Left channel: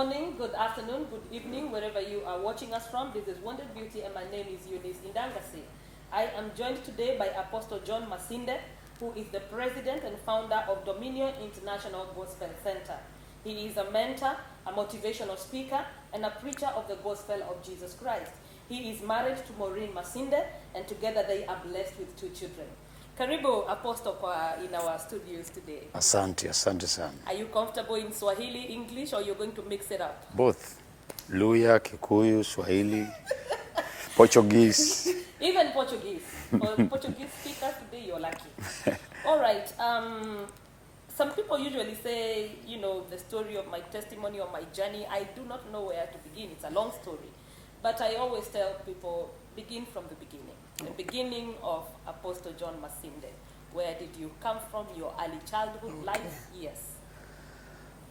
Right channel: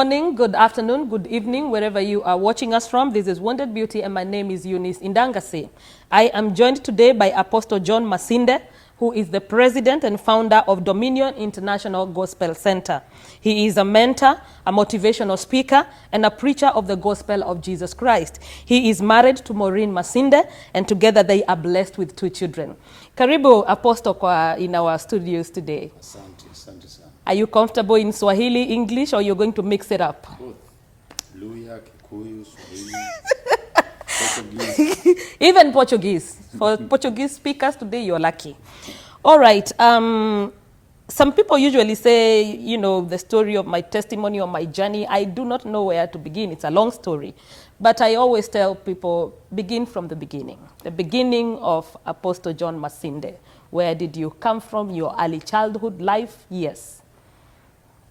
morning, good afternoon, good evening, wherever you are watching us from. This is Wounded Beauty, and my name is Eunice Indangase. I am joined today by Apostle John Masinde, who is the president and founder of Dominion International Gospel Center. He is a mentor, a motivational speaker, and a preacher of the gospel of Jesus Christ. He is married to Maureen Masinde, and together they are blessed with 2 children. Karibu Apostle in our studios today. Asante, asante sana. Are you comfortable in Swahili, English, or you're going to mix it up? Both. Luya, Kikuyu, Swahili, Portuguese. Even Portuguese. For Portuguese speakers today, you're lucky. All right. Some people usually say, you know, the story of my testimony or my journey. I do not know where to begin. It's a long story. But I always tell people, begin from the beginning. The beginning of Apostle John Masinde. Where did you come from, your early childhood life? Yes.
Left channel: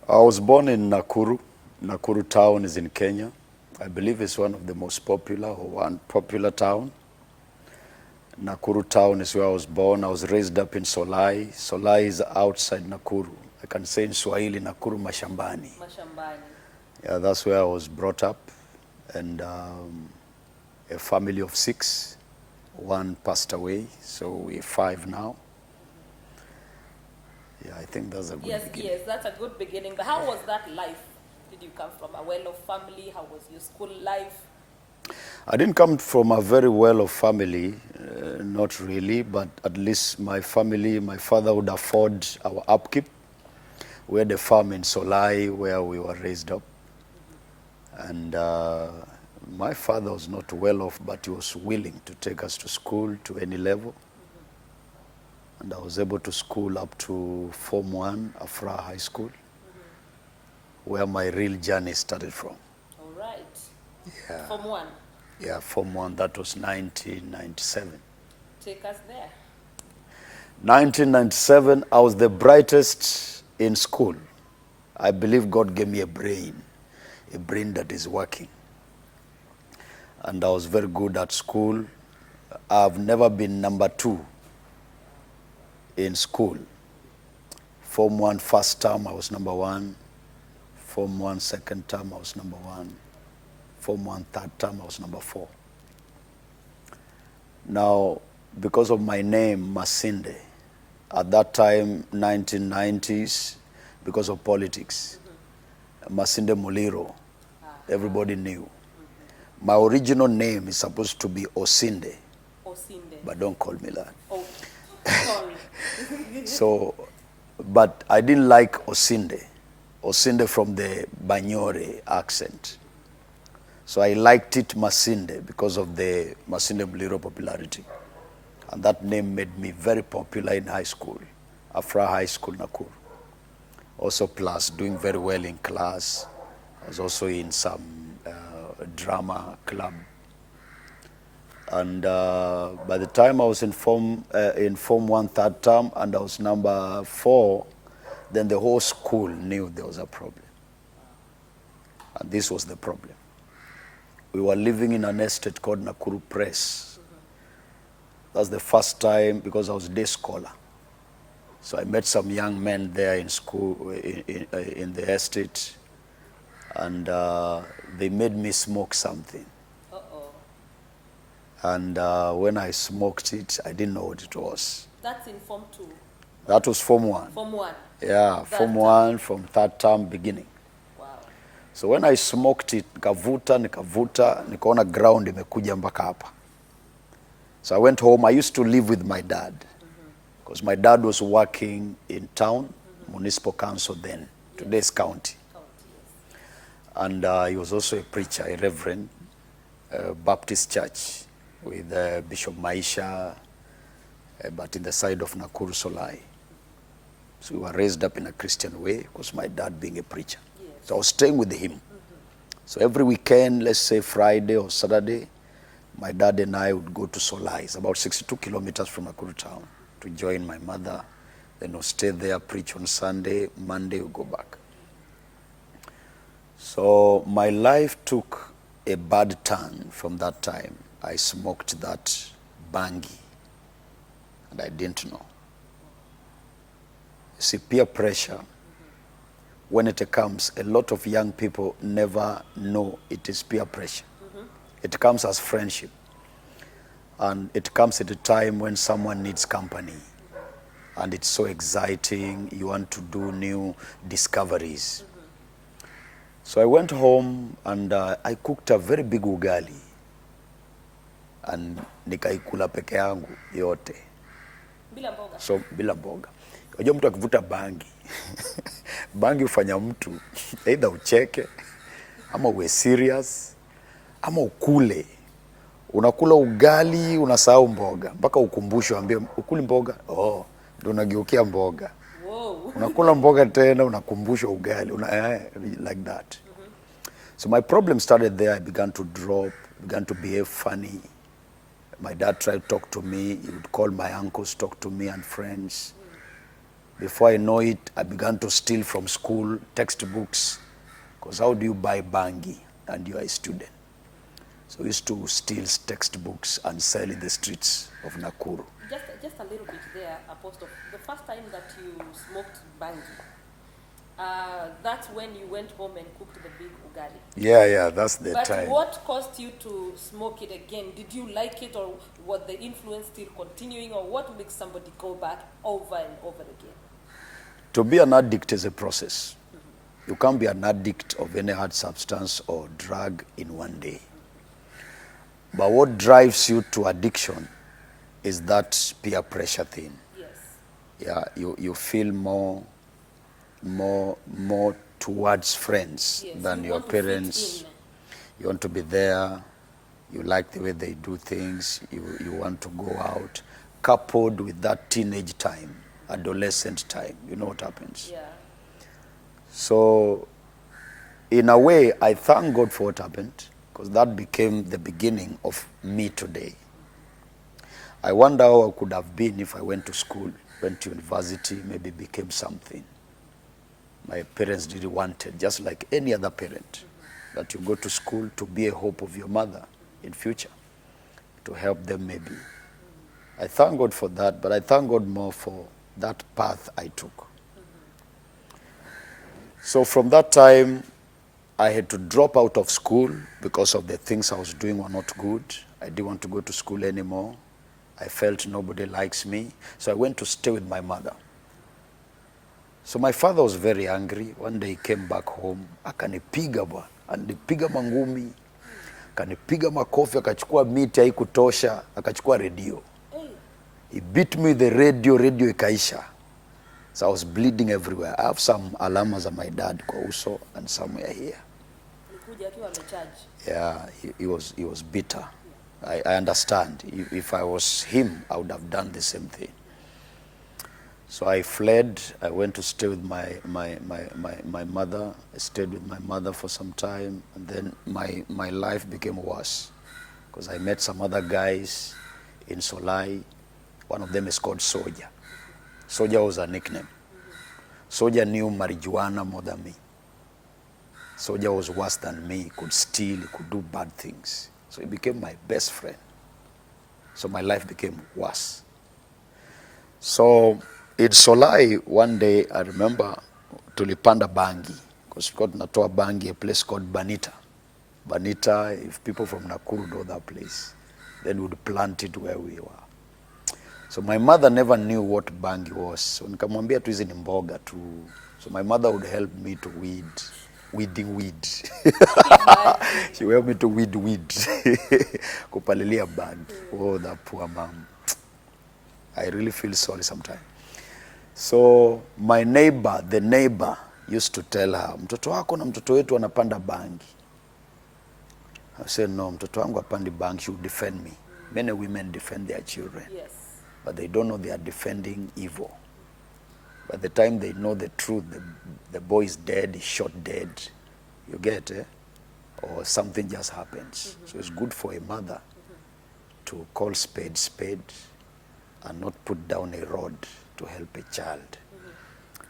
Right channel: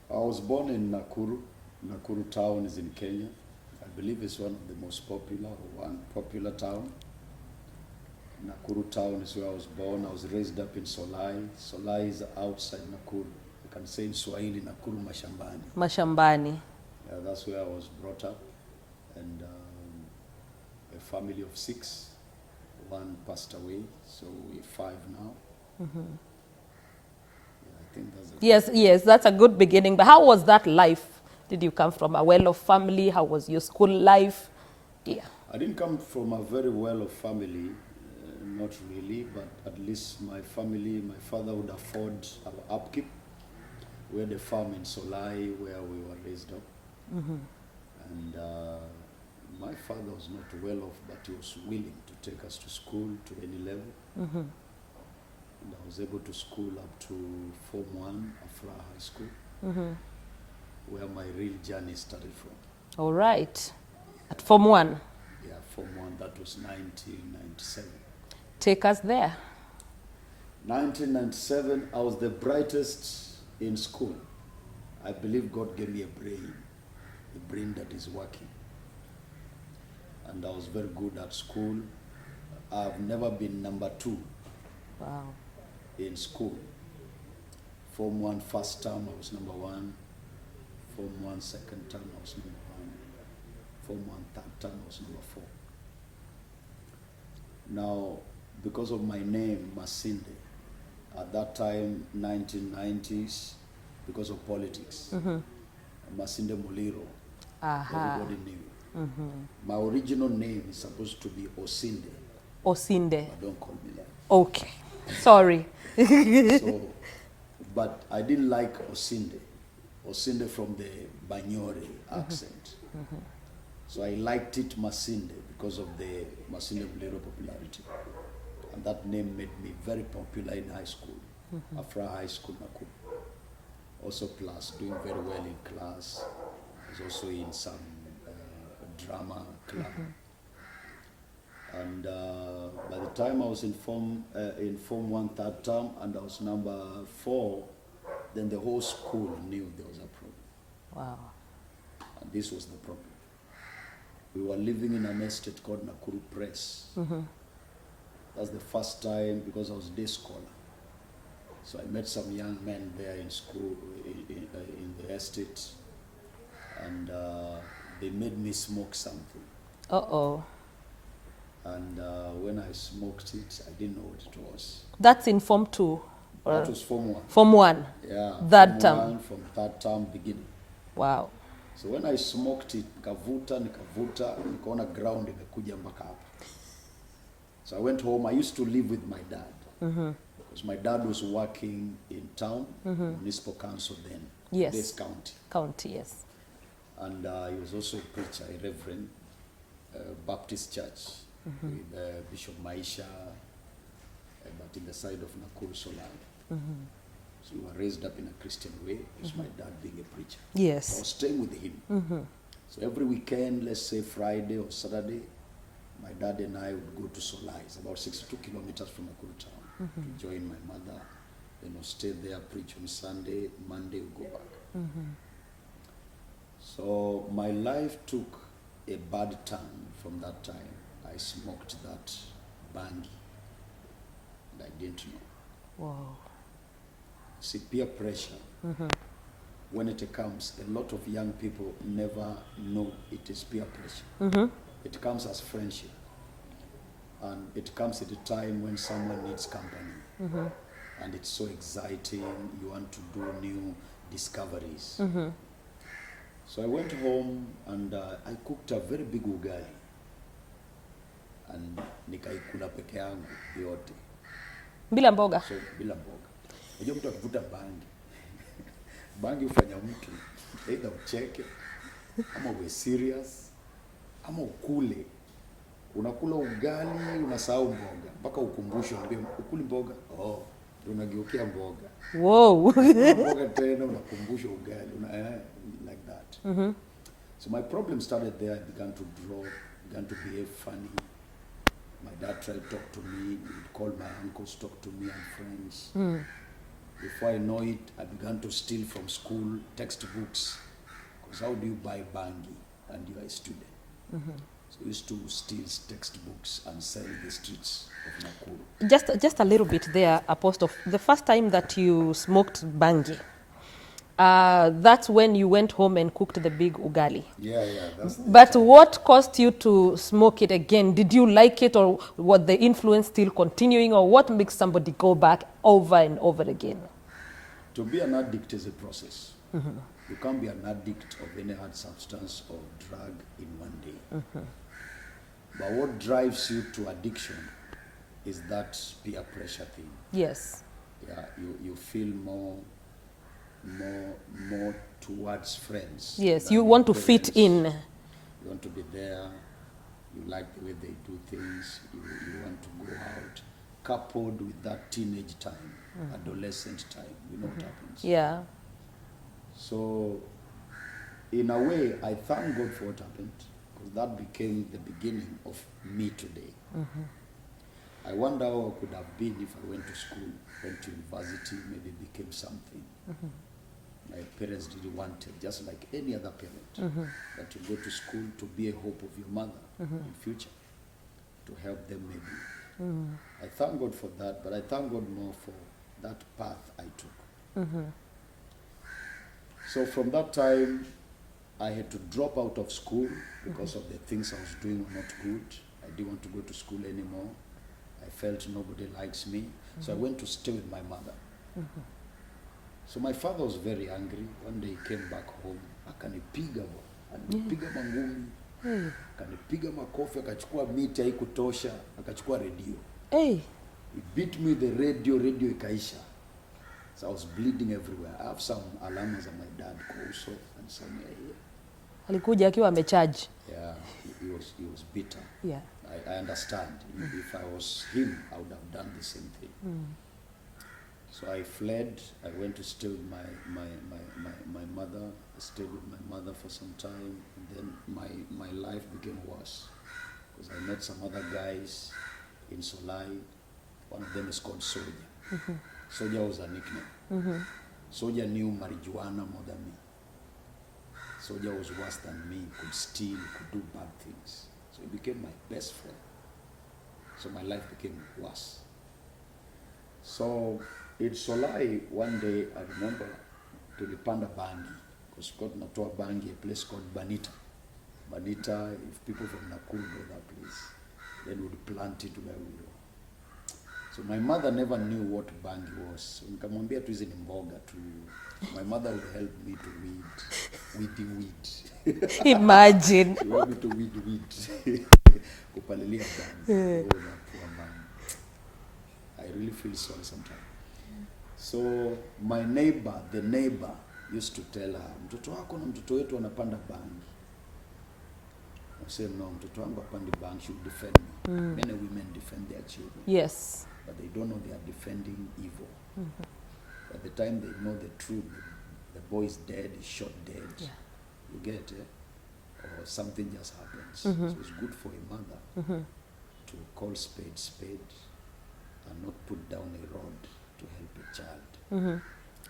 I was born in Nakuru. Nakuru town is in Kenya. I believe it's one of the most popular or one popular town. Nakuru town is where I was born. I was raised up in Solai. Solai is outside Nakuru. I can say in Swahili, Nakuru Mashambani. Mashambani. Yeah, that's where I was brought up. And a family of 6. 1 passed away, so we're 5 now. Mm-hmm. Yeah, I think that's a good beginning. Yes, that's a good beginning. But how was that life? Did you come from a well-off family? How was your school life? Yeah. I didn't come from a very well-off family, not really, but at least my family, my father would afford our upkeep. We had a farm in Solai where we were raised up. Mm-hmm. And my father was not well-off, but he was willing to take us to school to any level. Mm-hmm. And I was able to school up to Form 1, Afra High School, mm-hmm. where my real journey started from. All right. Yeah. Form 1? Yeah, Form 1. That was 1997. Take us there. 1997, I was the brightest in school. I believe God gave me a brain that is working. And I was very good at school. I've never been number 2 in school. Form 1 first term, I was number 1. Form 1 second term, I was number 1. Form 1 third term, I was number 4. Now, because of my name, Masinde, at that time, 1990s, because of politics, mm-hmm. Masinde Muliro, everybody knew. Mm-hmm. My original name is supposed to be Osinde. Osinde. But don't call me that. Okay. Sorry. So, but I didn't like Osinde. Osinde from the Banyore accent. Mm-hmm. So I liked it Masinde because of the Masinde Muliro popularity. And that name made me very popular in high school, mm-hmm. Afra High School, Nakuru. Also plus doing very well in class. I was also in some drama club. Mm-hmm. And by the time I was in Form 1 third term and I was number 4, then the whole school knew there was a problem. Wow. And this was the problem. We were living in an estate called Nakuru Press. Mm-hmm. That's the first time, because I was a day scholar. So I met some young men there in school, in the estate, and they made me smoke something. Uh-oh. And when I smoked it, I didn't know what it was. That's in Form 2? That was Form 1. Form 1? Yeah, that Form term. 1 from third term beginning. Wow. So when I smoked it, nikavuta, nikaona ground imekuja mpaka hapa. So I went home. I used to live with my dad. Mm-hmm. Because my dad was working in town, mm-hmm. municipal council then, yes. Today's county. County, yes. And he was also a preacher, a reverend, Baptist church, mm-hmm. with Bishop Maisha, but in the side of Nakuru Solai. Mm-hmm. So we were raised up in a Christian way, because my dad being a preacher. Yes. So I was staying with him. Mm-hmm. So every weekend, let's say Friday or Saturday, my dad and I would go to Solai. It's about 62 kilometers from Nakuru town, mm-hmm. to join my mother. Then we'll stay there, preach on Sunday. Monday, we'll go back. Mm-hmm. So my life took a bad turn from that time. I smoked that bangi, and I didn't know. Wow. See, peer pressure, mm-hmm. when it comes, a lot of young people never know it is peer pressure. It comes as friendship. And it comes at a time when someone needs company. And it's so exciting. You want to do new discoveries. So I went home and I cooked a very big ugali. And nikaikula peke yangu yote. Bila mboga? So bila mboga. Unajua mtu akivuta bangi. Bangi hufanya mtu either ucheke ama uwe serious ama ukule. Unakula ugali, unasahau mboga. Mpaka ukumbusho ambie ukuli mboga. Oh, ndio unageukia mboga. Wow. Unakula mboga tena unakumbushwa ugali. Like that. So my problem started there. I began to drop, began to behave funny. My dad tried to talk to me. He would call my uncles, talk to me and friends. Before I know it, I began to steal from school textbooks. Because how do you buy bangi and you are a student? So I used to steal textbooks and sell in the streets of Nakuru. Just a little bit there, Apostle. The first time that you smoked bangi, that's when you went home and cooked the big ugali. Yeah, that's the But time. what caused you to smoke it again? Did you like it, or was the influence still continuing, or what makes somebody go back over and over again? To be an addict is a process. You can't be an addict of any hard substance or drug in one day. But what drives you to addiction is that peer pressure thing. Yes. Yeah, you feel more towards friends. Yes, than you your want to parents. fit in. You want to be there. You like the way they do things. You want to go out. Coupled with that teenage time, adolescent time. You know what happens. Yeah. So, in a way, I thank God for what happened, because that became the beginning of me today. I wonder how I could have been if I went to school, went to university, maybe became something. My parents didn't want it, just like any other parent, that you go to school to be a hope of your mother in future, to help them maybe. I thank God for that, but I thank God more for that path I took. So from that time, I had to drop out of school because of the things I was doing were not good. I didn't want to go to school anymore. I felt nobody likes me. So I went to stay with my mother. So my father was very angry. One day he came back home, akanipiga bwana. Alipiga mangumi, akanipiga makofi, akachukua miti haikutosha, akachukua radio. Hey. He beat me with the radio ikaisha. So I was bleeding everywhere. I have some alamas of my dad kwa uso and somewhere here. Alikuja akiwa amecharge. Yeah, he was bitter. Yeah. I understand. If I was him, I would have done the same thing. So I fled. I went to stay with my mother. I stayed with my mother for some time, and then my life became worse, because I met some other guys in Solai. One of them is called Soja. Soja was a nickname. Soja knew marijuana more than me. Soja was worse than me. He could steal, he could do bad things. So he became my best friend. So my life became worse. So in Solai, one day, I remember, tulipanda bangi, because we got tunatoa bangi, a place called Banita. Banita, if people from Nakuru know that place, then we would plant it where we were. So my mother never knew what bangi was. So nikamwambia tu hizi ni mboga tu. So my mother would help me to weeding weed. Imagine. She would help me to weed. Kupalilia bangi. Oh, that poor mom. I really feel sorry sometimes. So my neighbor, the neighbor, used to tell her, mtoto wako na mtoto wetu wanapanda bangi. I said, no, mtoto wangu hapandi bangi, she would defend me. Many women defend their children. Yes. But they don't know they are defending evil. By the time they know the truth, the boy is dead, he's shot dead. You get it? Or something just happens. So it's good for a mother to call spade and not put down a rod to help a child.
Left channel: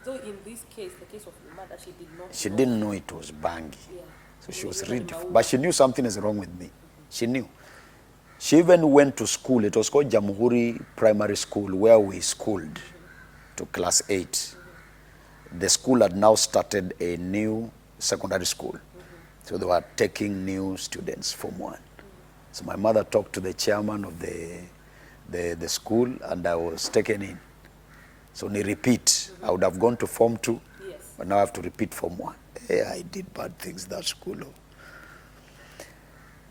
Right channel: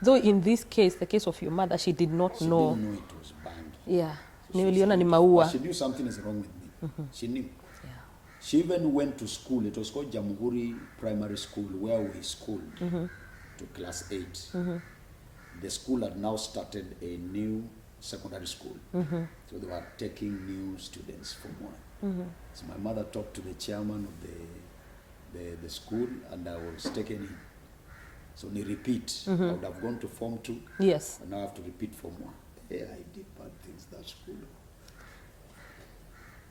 Though in this case, the case of your mother, she did not know. She didn't know it was bangi. Yeah. So she was Niliona ni ready, maua. but she knew something is wrong with me. She knew. She even went to school. It was called Jamhuri Primary School, where we schooled to class 8. the school had now started a new secondary school. So they were taking new students from one. So my mother talked to the chairman of the school, and I was taken in. So ni repeat. I would have gone to Form 2. Yes. But now I have to repeat Form 1. Hey, I did bad things that school.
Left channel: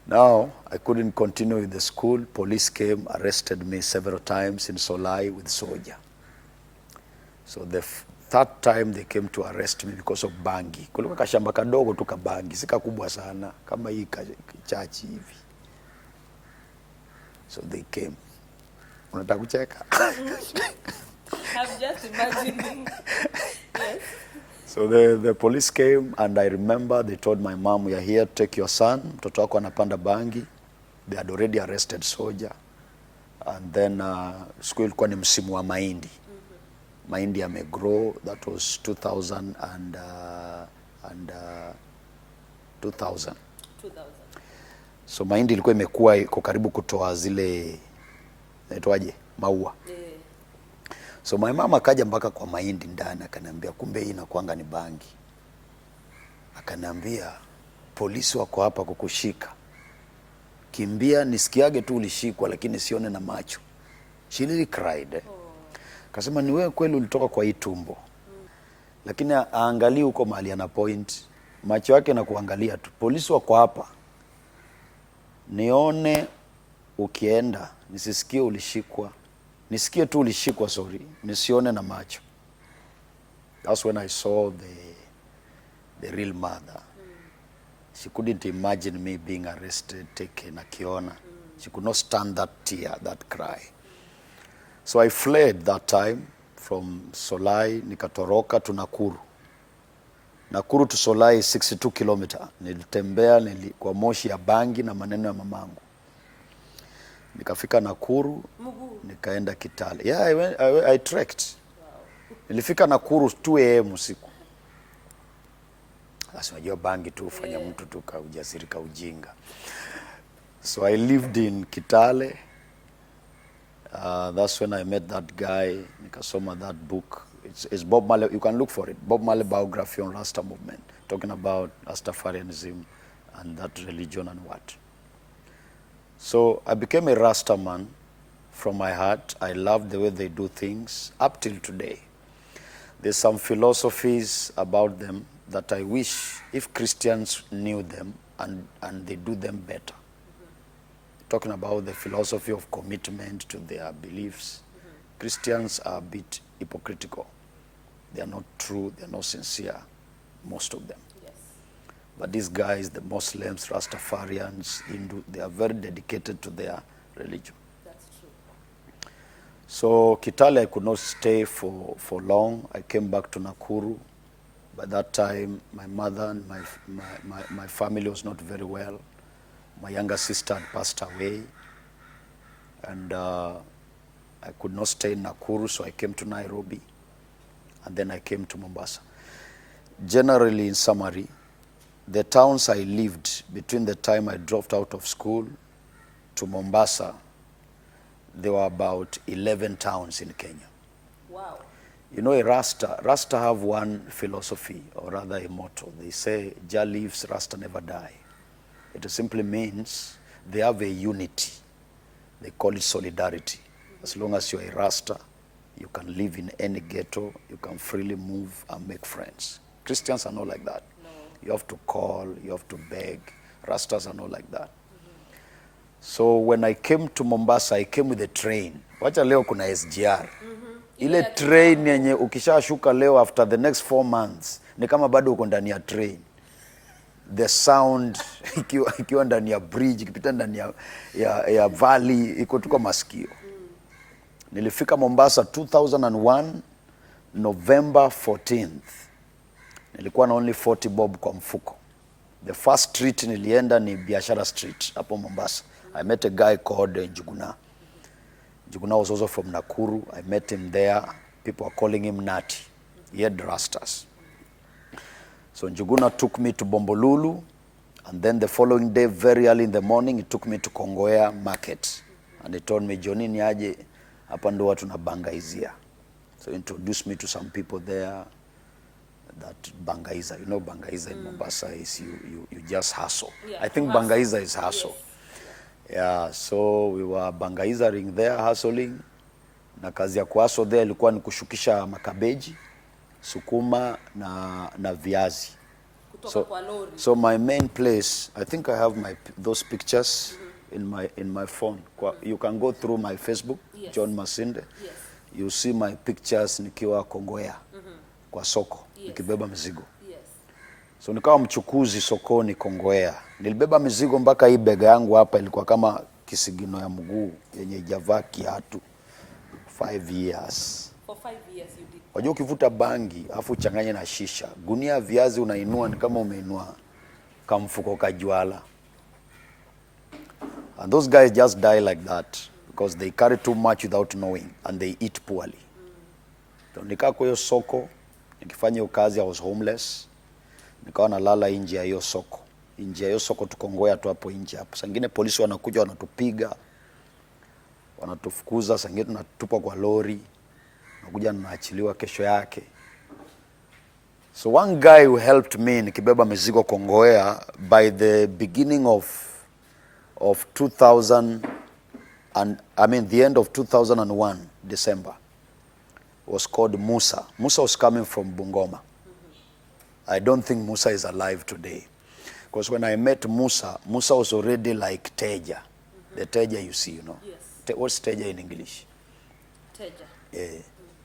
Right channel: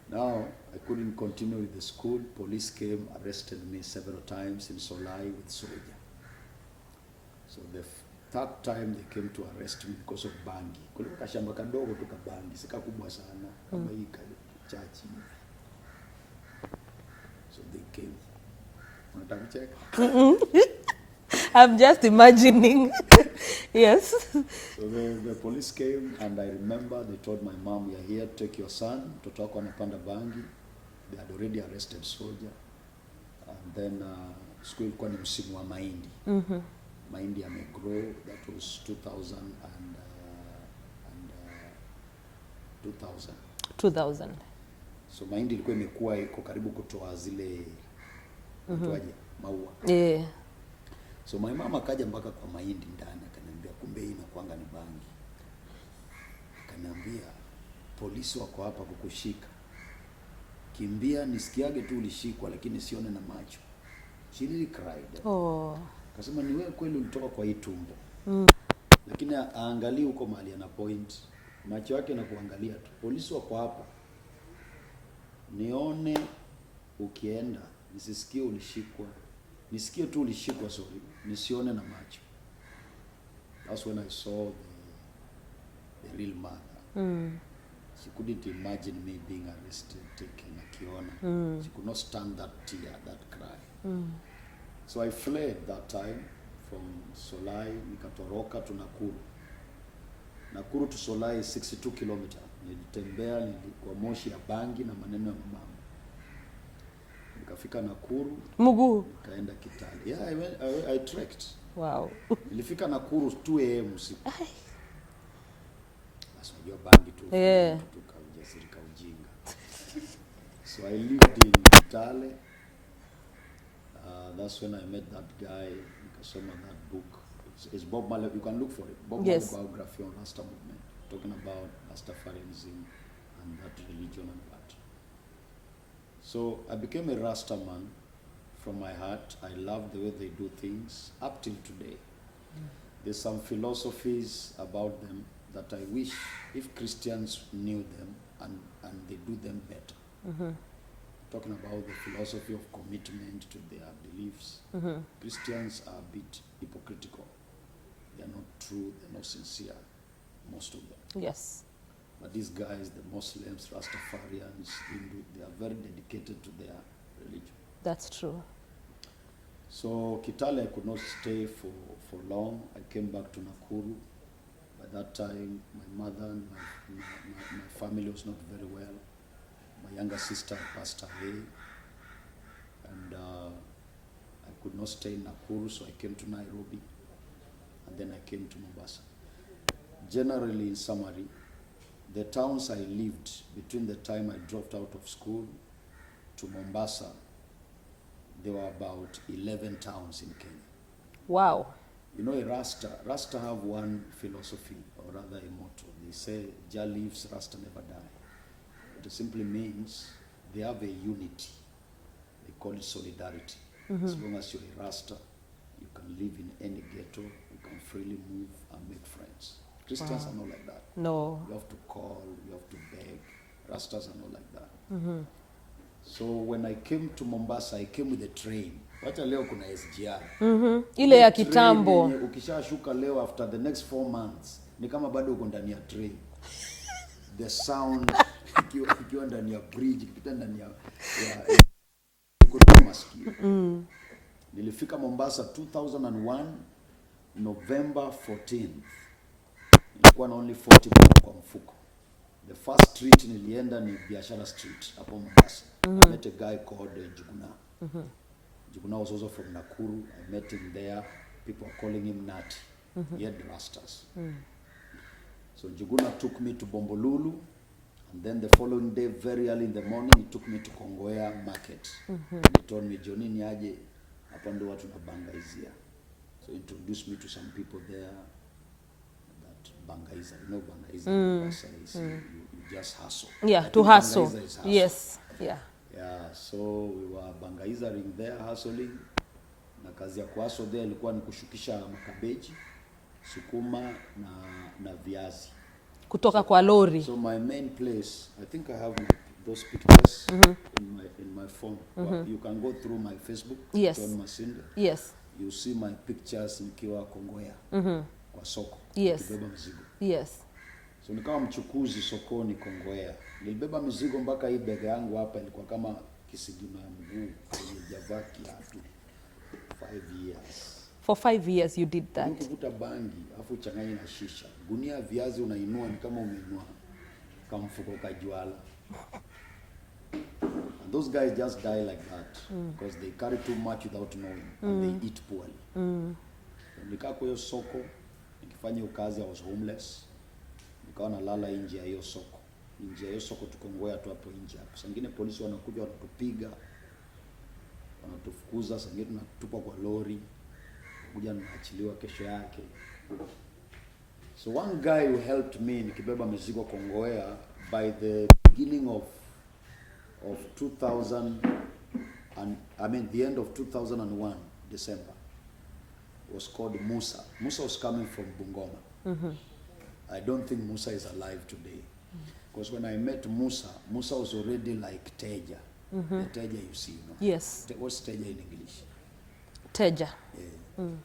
Now, I couldn't continue in the school. Police came, arrested me several times in Solai with soldier. So the third time they came to arrest me because of bangi. Kulikuwa kashamba kadogo tu kabangi, sika kubwa sana, kama hii chachi hivi. So they came. Unataka kucheka? I'm just imagining. Yes. So the police came, and I remember they told my mom, "We are here to take your son. Mtoto wako anapanda bangi." They had already arrested soldier. And then school ilikuwa ni msimu wa mahindi. Mahindi yamegrow. That was 2000 2000. So mahindi ilikuwa imekuwa iko karibu kutoa zile naitwaje maua. Yeah. So my mama akaja mpaka kwa mahindi ndani, akaniambia kumbe hii inakuanga ni bangi. Akaniambia polisi wako hapa kukushika. Kimbia nisikiage tu ulishikwa, lakini sione na macho. She really cried. Oh. Kasema ni wewe kweli ulitoka kwa hii tumbo. Lakini aangalie huko mahali ana point. Macho yake na kuangalia tu. Polisi wako hapa. Nione ukienda, nisisikie ulishikwa. Nisikie tu ulishikwa, sorry. Nisione na macho. That's when I saw the real mother. She couldn't imagine me being arrested, taken, akiona. She could not stand that tear, that cry. So I fled that time from Solai, nikatoroka to Nakuru. Nakuru to Solai 62 kilometer. Nilitembea kwa moshi ya bangi na maneno ya mamangu. Nikafika Nakuru, Mugu. Nikaenda Kitale. Yeah, I trekked. Wow. Nilifika Nakuru 2 AM usiku. Sasa unajua bangi tu ufanya mtu tu ujasiri ka ujinga. So I lived in Kitale. That's when I met that guy. Nikasoma that book. It's Bob Marley. You can look for it. Bob Marley biography on Rasta movement, talking about Rastafarianism and that religion and what. So I became a Rasta man from my heart. I love the way they do things up till today. There's some philosophies about them that I wish if Christians knew them and they do them better. Talking about the philosophy of commitment to their beliefs. Christians are a bit hypocritical. They are not true, they are not sincere, most of them. Yes. But these guys, the Muslims, Rastafarians, Hindu, they are very dedicated to their religion. That's true. So Kitale, I could not stay for long. I came back to Nakuru. By that time, my mother and my family was not very well. My younger sister had passed away. And I could not stay in Nakuru, so I came to Nairobi. And then I came to Mombasa. Generally, in summary, the towns I lived between the time I dropped out of school to Mombasa, there were about 11 towns in Kenya. Wow. You know, a Rasta have one philosophy, or rather a motto. They say, Jah lives, Rasta never die. It simply means they have a unity. They call it solidarity. As long as you're a Rasta, you can live in any ghetto, you can freely move and make friends. Christians are not like that. No. You have to call, you have to beg. Rastas are not like that. So when I came to Mombasa, I came with a train. Wacha leo kuna SGR. Ile ya train kitambo. yenye ukishashuka leo after the next 4 months, ni kama bado uko ndani ya train. The sound, ikiwa ndani ya bridge, ikipita ndani ya valley, iko tu masikio. Nilifika Mombasa 2001, November 14th. Nilikuwa na only 40 bob kwa mfuko. The first street nilienda ni Biashara Street hapo Mombasa. I met a guy called Njuguna. Njuguna was also from Nakuru. I met him there. People are calling him Nati. He had rastas. So Njuguna took me to Bombolulu, and then the following day, very early in the morning, he took me to Kongoya Market. And they told me, Johnny ni aje, hapa ndo watu nabangaizia. So he introduced me to some people there. that Bangaiza. You know Bangaiza in Mombasa is you just hustle. Yeah, I to think hustle. Bangaiza is hustle. Yes, yeah. Yeah, so we were Bangaizering there, hustling. Na kazi ya kuhustle there ilikuwa ni kushukisha makabeji, sukuma na viazi. Kutoka kwa lori. So my main place, I think I have those pictures in my phone. You can go through my Facebook, Yes. John Masinde. Yes. You see my pictures nikiwa Kongowea kwa soko, Yes. nikibeba mizigo. Yes. So nikawa mchukuzi sokoni Kongowea. Nilibeba mizigo mpaka hii bega yangu hapa ilikuwa kama kisigino ya mguu yenye javaa kiatu. 5 years. For 5 years you did that. Unajua ukivuta bangi afu uchanganye na shisha, gunia ya viazi unainua ni kama umeinua kamfuko kajwala. And those guys just die like that because they carry too much without knowing and they eat poorly. So nikaa kwa hiyo soko, nikifanya hiyo kazi, I was homeless. Nikawa nalala nje ya hiyo soko. Nje ya hiyo soko Tukongowea tu hapo nje hapo. Sangine polisi wanakuja wanatupiga, wanatufukuza, sangine tunatupa kwa lori. Nakuja naachiliwa kesho yake. So one guy who helped me nikibeba mizigo Kongowea by the beginning of 2000 and the end of 2001 December was called Musa. Musa was coming from Bungoma. I don't think Musa is alive today. Because when I met Musa, Musa was already like Teja. The Teja you see, you know. Yes. What's Teja in English? Teja.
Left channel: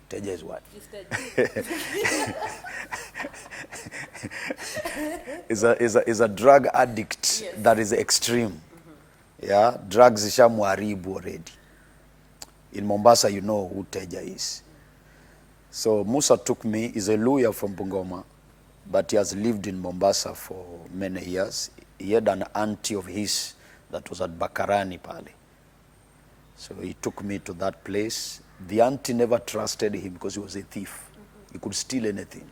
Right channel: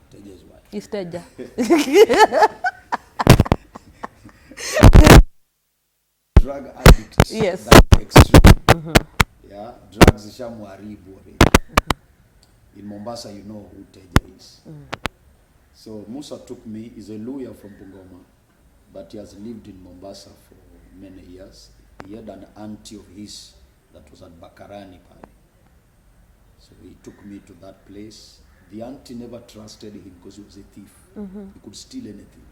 Teja is what? It's Teja. is a drug addict. Yes. That is extreme. Yeah, drugs ishamwaribu already. In Mombasa, you know who Teja is. So Musa took me. He's a lawyer from Bungoma, but he has lived in Mombasa for many years. He had an auntie of his that was at Bakarani pale. So he took me to that place. The auntie never trusted him because he was a thief. He could steal anything.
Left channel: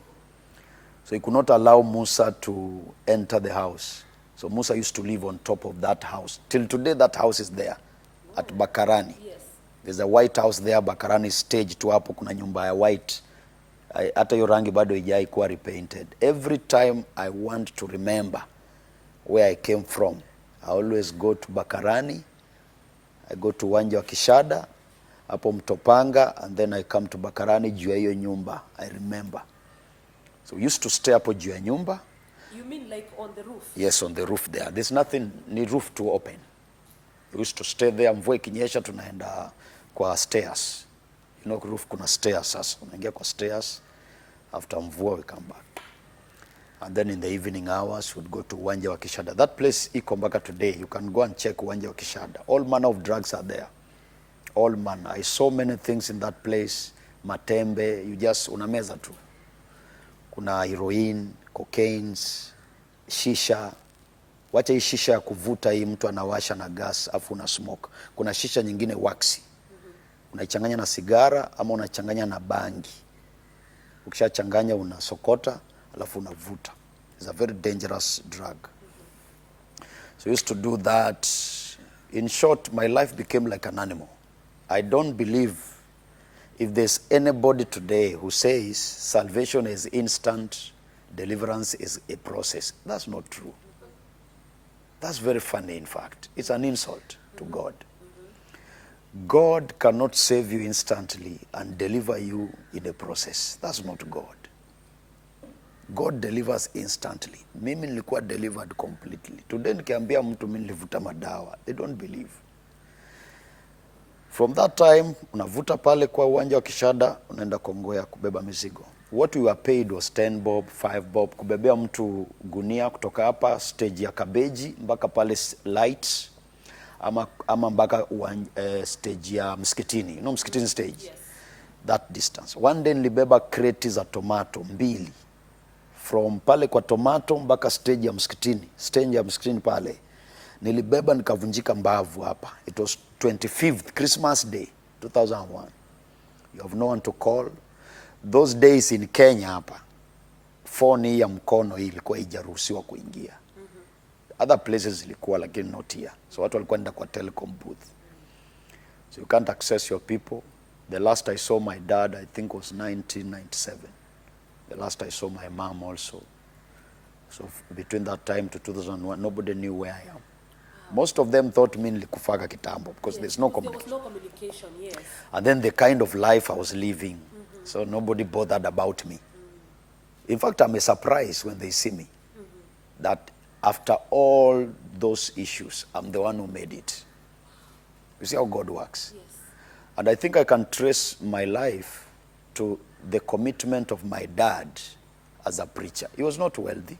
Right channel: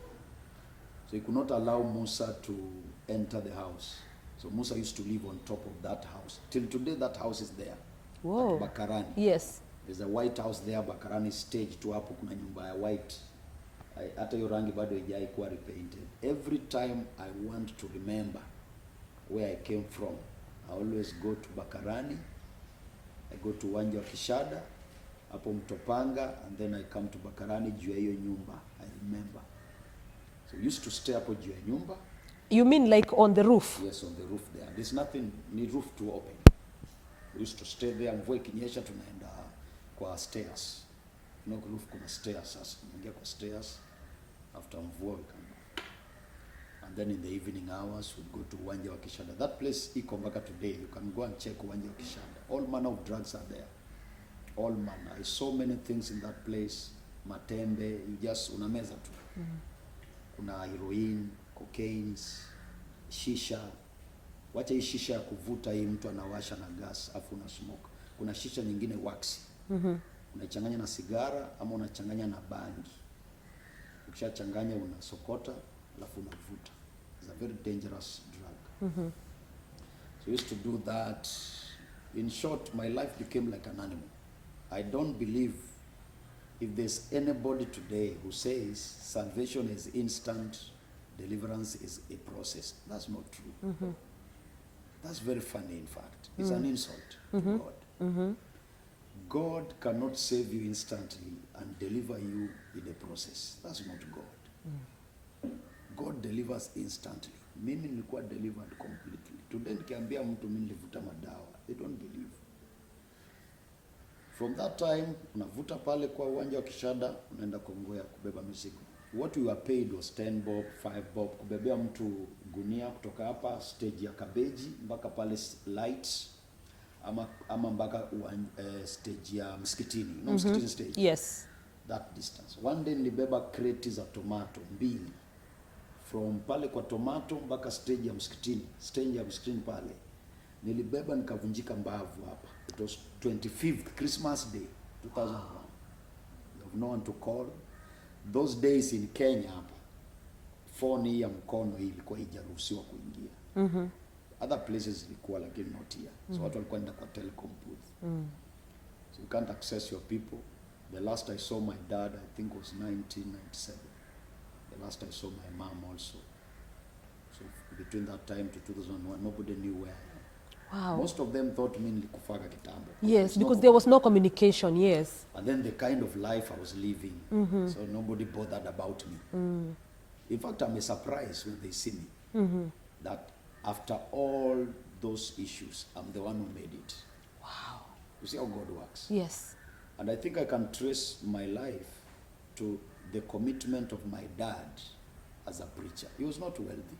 So he could not allow Musa to enter the house. So Musa used to live on top of that house. Till today, that house is there. Whoa. At Bakarani. Yes. There's a white house there, Bakarani stage tu hapo kuna nyumba ya white. Hata hiyo rangi bado haijai kuwa repainted. Every time I want to remember where I came from, I always go to Bakarani. I go to Uwanja wa Kishada, hapo Mtopanga, and then I come to Bakarani juu ya hiyo nyumba. I remember. So we used to stay hapo juu ya nyumba. You mean like on the roof? Yes, on the roof there. There's nothing, ni roof to open. We used to stay there, mvua ikinyesha tunaenda kwa stairs. You know, roof kuna stairs sasa. Unaingia kwa stairs, after mvua we come back. And then in the evening hours, we'd go to Uwanja wa Kishada. That place iko mpaka today. You can go and check Uwanja wa Kishada. All manner of drugs are there. All manner. I saw many things in that place. Matembe, you just unameza tu. Kuna heroin, cocaines, shisha. Wacha hii shisha ya kuvuta hii mtu anawasha na gas afu una smoke. Kuna shisha nyingine waxi. Unaichanganya na sigara ama unachanganya na bangi. Ukishachanganya unasokota alafu unavuta. It's a very dangerous drug. So I used to do that. In short, my life became like an animal. I don't believe if there's anybody today who says salvation is instant, deliverance is a process. That's not true. That's very funny, in fact. It's an insult to God. God cannot save you instantly and deliver you in a process. That's not God. God delivers instantly. Mimi nilikuwa delivered completely. Today nikiambia mtu mimi nilivuta madawa, they don't believe. From that time, unavuta pale kwa Uwanja wa Kishada, unaenda Kongowea kubeba mizigo. What we were paid was 10 bob, 5 bob, kubebea mtu gunia kutoka hapa stage ya Kabeji mpaka pale lights, ama mpaka stage ya Msikitini. You know Msikitini stage? Yes. That distance. One day nilibeba kreti za tomato 2. From pale kwa tomato mpaka stage ya Msikitini. Stage ya Msikitini pale. Nilibeba nikavunjika mbavu hapa. It was 25th Christmas Day 2001. You have no one to call. Those days in Kenya hapa, phone ya mkono hii ilikuwa haijaruhusiwa kuingia. Other places ilikuwa lakini not here. So watu walikuwa nenda kwa telecom booth. So you can't access your people. The last I saw my dad, I think, was 1997. the last I saw my mom also. So between that time to 2001, nobody knew where I am. Wow. Most of them thought me nilikufaga kitambo because Yes, there's no because there was no communication, yes. And then the kind of life I was living, so nobody bothered about me. In fact, I'm surprised when they see me that after all those issues, I'm the one who made it. Wow. You see how God works? Yes. And I think I can trace my life to the commitment of my dad as a preacher. He was not wealthy.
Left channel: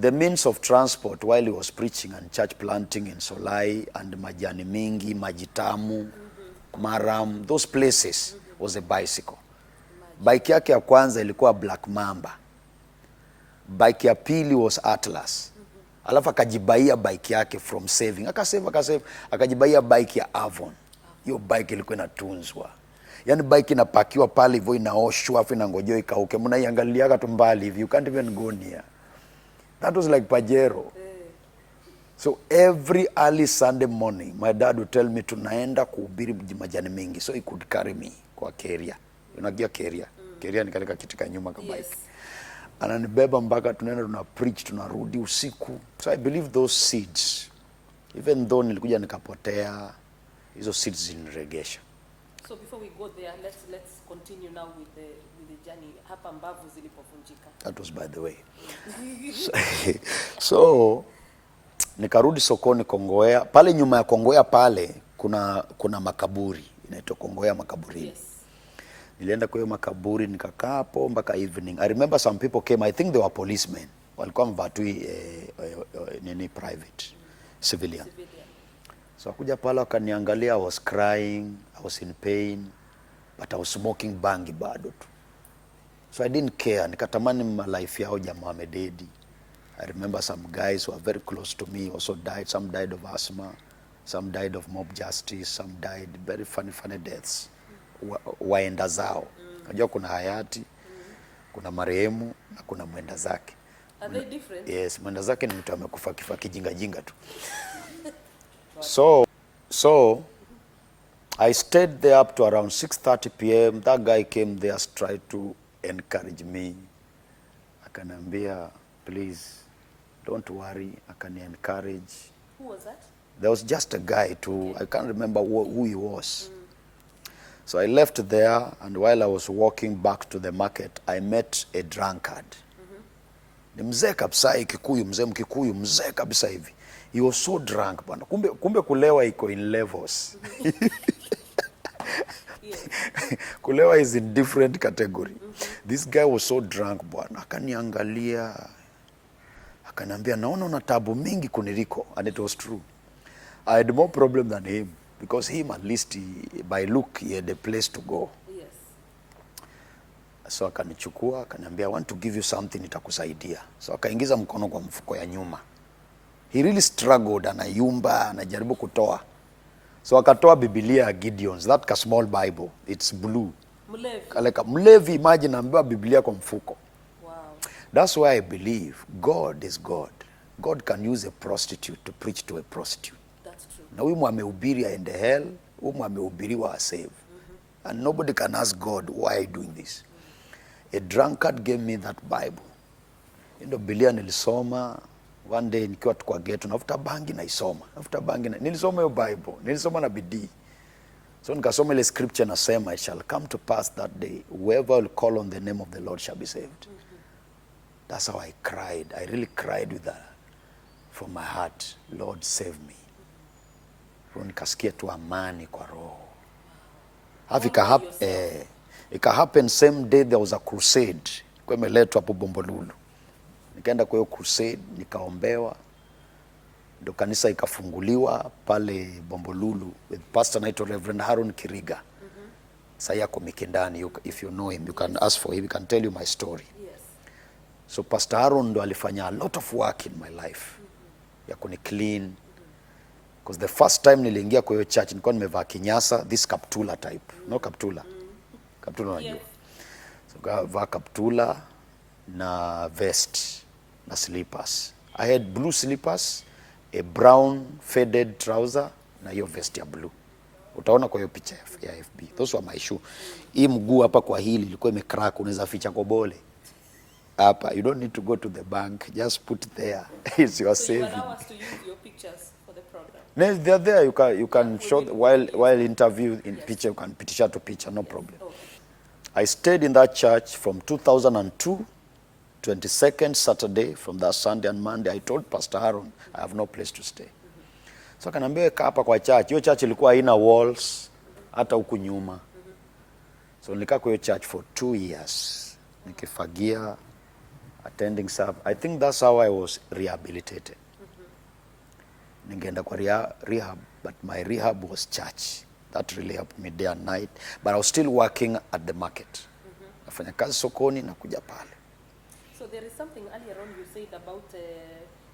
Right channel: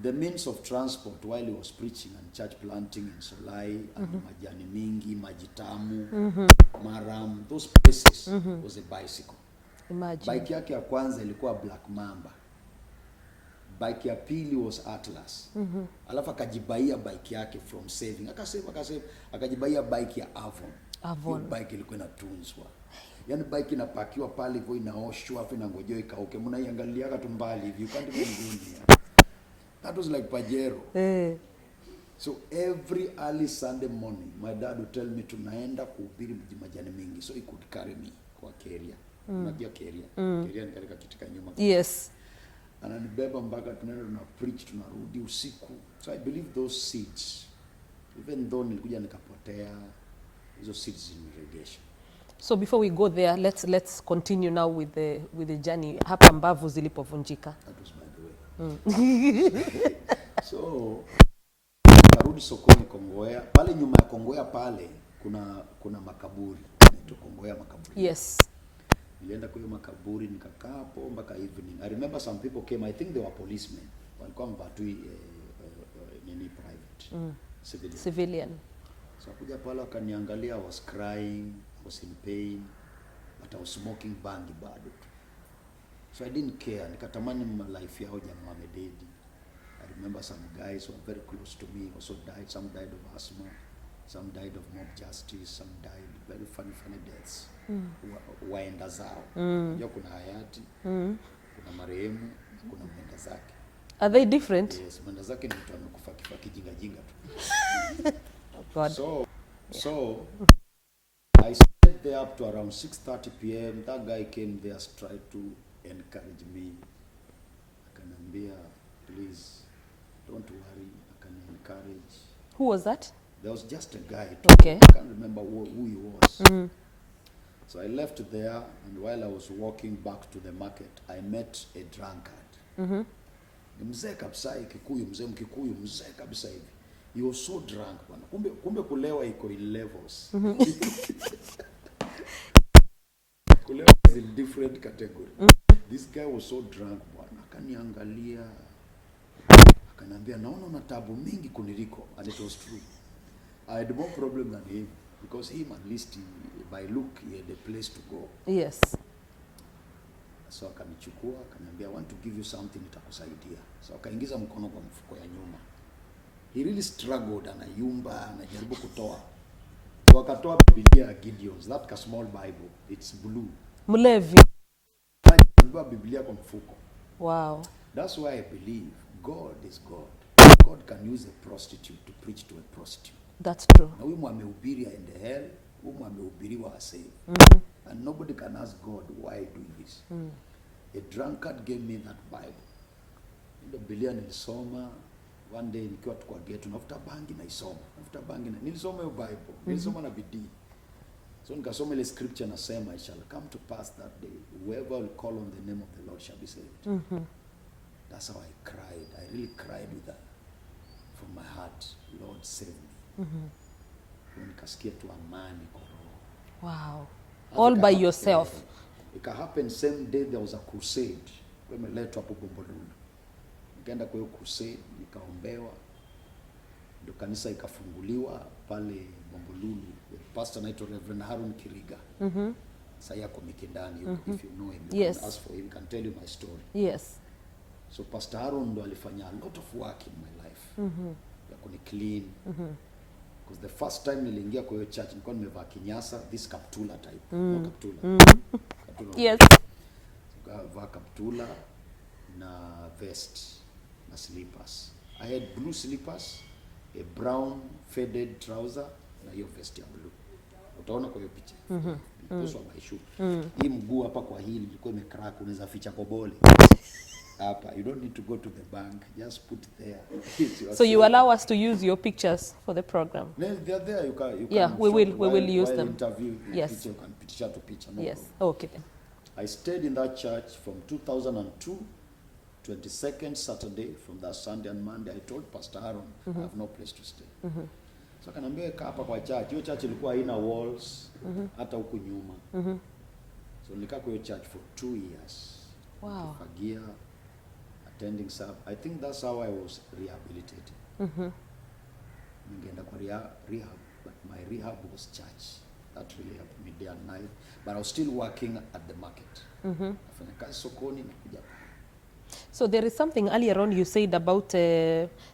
The means of transport while he was preaching and church planting in Solai and Majani Mingi, Majitamu, Maram, those places was a bicycle. Imagine. Bike yake ya kwanza ilikuwa Black Mamba. Bike ya pili was Atlas. Alafu akajibaia bike yake from saving. Akasave. Akajibaia bike ya Avon. Hiyo bike ilikuwa inatunzwa. Yaani bike inapakiwa pale hivyo inaoshwa afu inangojewa ikauke. Mnaiangaliaga tu mbali hivi. You can't even go near. That was like Pajero. So every early Sunday morning, my dad would tell me tunaenda kuhubiri Majani Mingi. So he could carry me kwa carrier. Unajua carrier. Carrier ni katika kiti ka nyuma kama. Yes. Ananibeba mpaka tunaenda tuna preach tunarudi usiku. So I believe those seeds, even though nilikuja nikapotea, hizo seeds ziniregesha. So before we go there, let's continue now with the journey. Hapa mbavu zilipovunjika. That was by the way. So nikarudi sokoni Kongowea. Pale nyuma ya Kongowea pale kuna makaburi. Inaitwa Kongowea makaburi. Yes. Nilienda kwa hiyo makaburi nikakaa hapo mpaka evening. I remember some people came, I think they were policemen. Walikuwa mvatui nini private. Civilian. So wakuja pale wakaniangalia, I was crying, I was in pain, but I was smoking bangi bado tu. So I didn't care. Nikatamani life yao jamaa wamededi. I remember some guys who are very close to me also died. Some died of asthma, some died of mob justice, some died very funny deaths. Waenda zao. Unajua kuna hayati, kuna marehemu na kuna mwenda zake. Are they different? Yes, mwenda zake ni mtu amekufa kifo kijinga tu. God. So I stayed there up to around 6:30 p.m. That guy came there, tried to encourage me. Akaniambia, please, don't worry. Akani encourage. Who was that? There was just a guy too. Okay. I can't remember who he was. So I left there, and while I was walking back to the market, I met a drunkard. Ni mzee kabisa Kikuyu, mzee Mkikuyu, mzee kabisa hivi. He was so drunk bwana. Kumbe kulewa iko in levels. Kulewa is in different category. This guy was so drunk bwana. Akaniangalia. Akaniambia naona una tabu mingi kuniliko, and it was true. I had more problem than him because him at least by look he had a place to go. Yes. So akanichukua akaniambia, I want to give you something itakusaidia. So akaingiza mkono kwa mfuko ya nyuma. He really struggled, anayumba, anajaribu kutoa. So akatoa Biblia ya Gideon's, that small Bible, it's blue. Mlevi. Kaleka mlevi, imagine ambiwa Biblia kwa mfuko. Wow. That's why I believe God is God. God can use a prostitute to preach to a prostitute. That's true. Na huyu mwamehubiri aende hell, huyu mwamehubiriwa asave. And nobody can ask God, why are you doing this? A drunkard gave me that Bible. Ndio Biblia nilisoma. One day nikiwa tu kwa ghetto, nafuta bangi naisoma. Nilisoma hiyo Bible. Nilisoma na bidii. So nikasoma ile scripture nasema, it shall come to pass that day, whoever will call on the name of the Lord shall be saved. That's how I cried. I really cried with that from my heart. Lord, save me. So nikasikia tu amani kwa roho. Wow. All by yourself. It happened same day there was a crusade. Kwa imeletwa hapo Bombolulu. Nikaenda kwa hiyo crusade, nikaombewa. Ndio kanisa ikafunguliwa pale Bombolulu with pastor naitwa Reverend Haron Kiriga. Sasa yako Mikindani, if you know him, you can ask for him, he can tell you my story. Yes. So Pastor Haron ndo alifanya a lot of work in my life. Ya kuni clean. Because the first time niliingia kwa hiyo church nilikuwa nimevaa kinyasa, this kaptula type. No kaptula. Kaptula. Yes. So kavaa kaptula na vest na slippers. I had blue slippers, a brown faded trouser na hiyo vest ya blue. Utaona kwa hiyo picha ya FB. Those were my shoe. Hii mguu hapa kwa hili ilikuwa imecrack, unaweza ficha kobole. Hapa, you don't need to go to the bank, just put it there. It's your So saving. you allow us to use your pictures for the program? No, they're there. You can we show will while them. interview in Yes. picture. You can picture to picture, no Yes. problem. Okay. I stayed in that church from 2002, 22nd Saturday, from that Sunday and Monday. I told Pastor Aaron, I have no place to stay. So akaniambia kaa hapa kwa church. Hiyo church ilikuwa haina walls, hata huku nyuma. So nilikaa kwa hiyo church for 2 years. Wow. Nikifagia, attending sub. I think that's how I was rehabilitated. Ningeenda kwa rehab, but my rehab was church. That really helped me day and night. But I was still working at the market. Nafanya kazi sokoni na kuja pale. So there is something earlier on you said about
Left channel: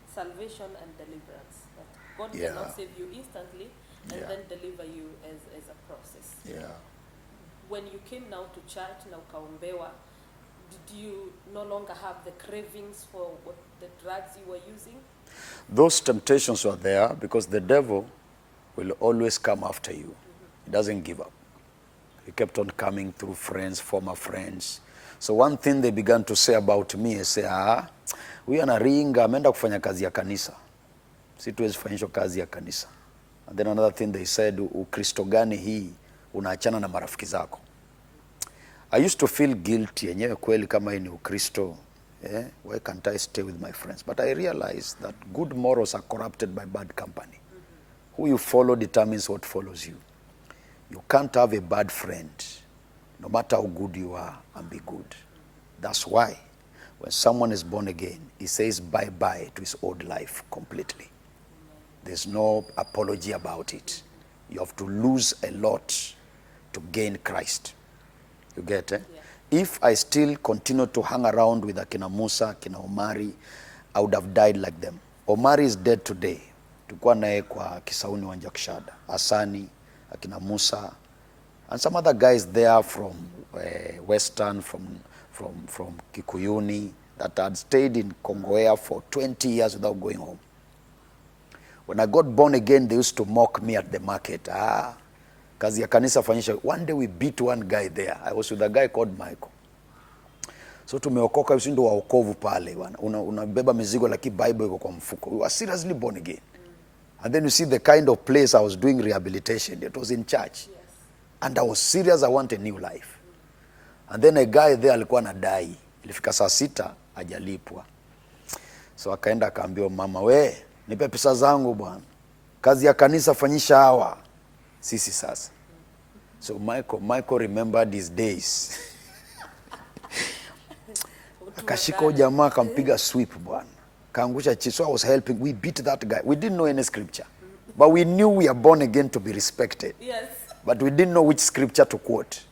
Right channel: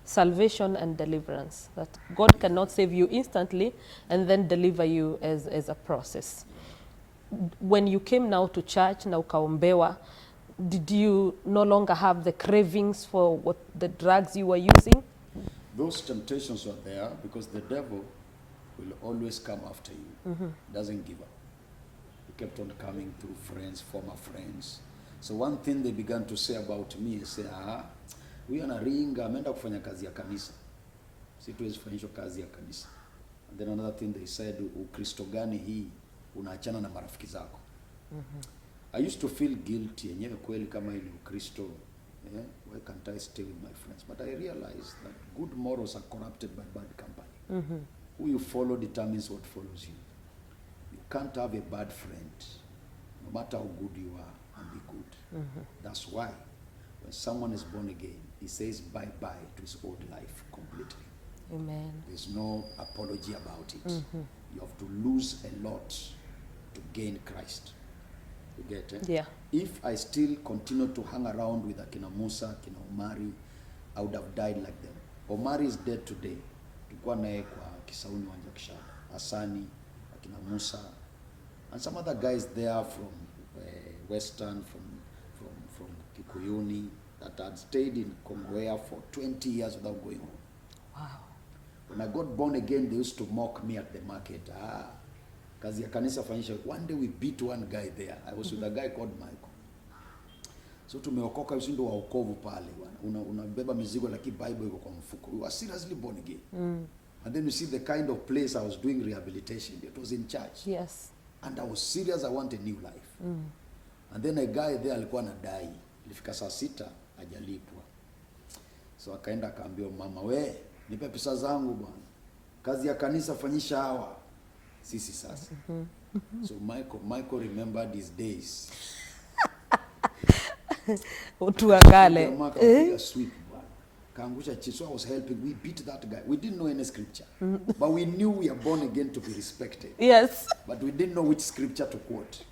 salvation and deliverance, that God cannot save you instantly and then deliver you as a process. When you came now to church, na ukaombewa, did you no longer have the cravings for what the drugs you were using? Those temptations were there because the devil will always come after you. He doesn't give up. He kept on coming through friends, former friends. So one thing they began to say about me is say, huyu anaringa ameenda kufanya kazi ya kanisa. Si tuwezi fanyisho kazi ya kanisa. And then another thing they said, Ukristo gani hii unaachana na marafiki zako. I used to feel guilty yenyewe kweli kama hii ni Ukristo. Why can't I stay with my friends? But I realized that good morals are corrupted by bad company. Who you follow determines what follows you. You can't have a bad friend, no matter how good you are, and be good. That's why when someone is born again, he says bye-bye to his old life completely. Amen. There's no apology about it. You have to lose a lot to gain Christ. You get it? Yeah. If I still continue to hang around with Akina Musa, Akina Omari, I would have died like them. Omari is dead today. Tulikuwa naye kwa Kisauni Wanja Kishada. Asani, Akina Musa, and some other guys there from Western, from Kikuyuni, that had stayed in Kongowea for 20 years without going home. Wow. When I got born again, they used to mock me at the market. Kazi ya kanisa fanyisha. One day we beat one guy there. I was with a guy called Michael. So tumeokoka, usindo wa okovu pale. Unabeba mizigo like Bible iko kwa mfuko. We were seriously born again. And then you see the kind of place I was doing rehabilitation. It was in church. Yes. And I was serious, I want a new life. And then a guy there alikuwa anadai. Ilifika saa 6, hajalipwa. So akaenda akaambia mama, we, nipe pesa zangu bwana. Kazi ya kanisa fanyisha hawa. Sisi sasa. So Michael remembered his days. Kashiko jamaa kampiga sweep bwana. Kaangusha chini. So I was helping. We beat that guy. We didn't know any scripture. But we knew we are born again to be respected. Yes. But we didn't know which scripture to quote.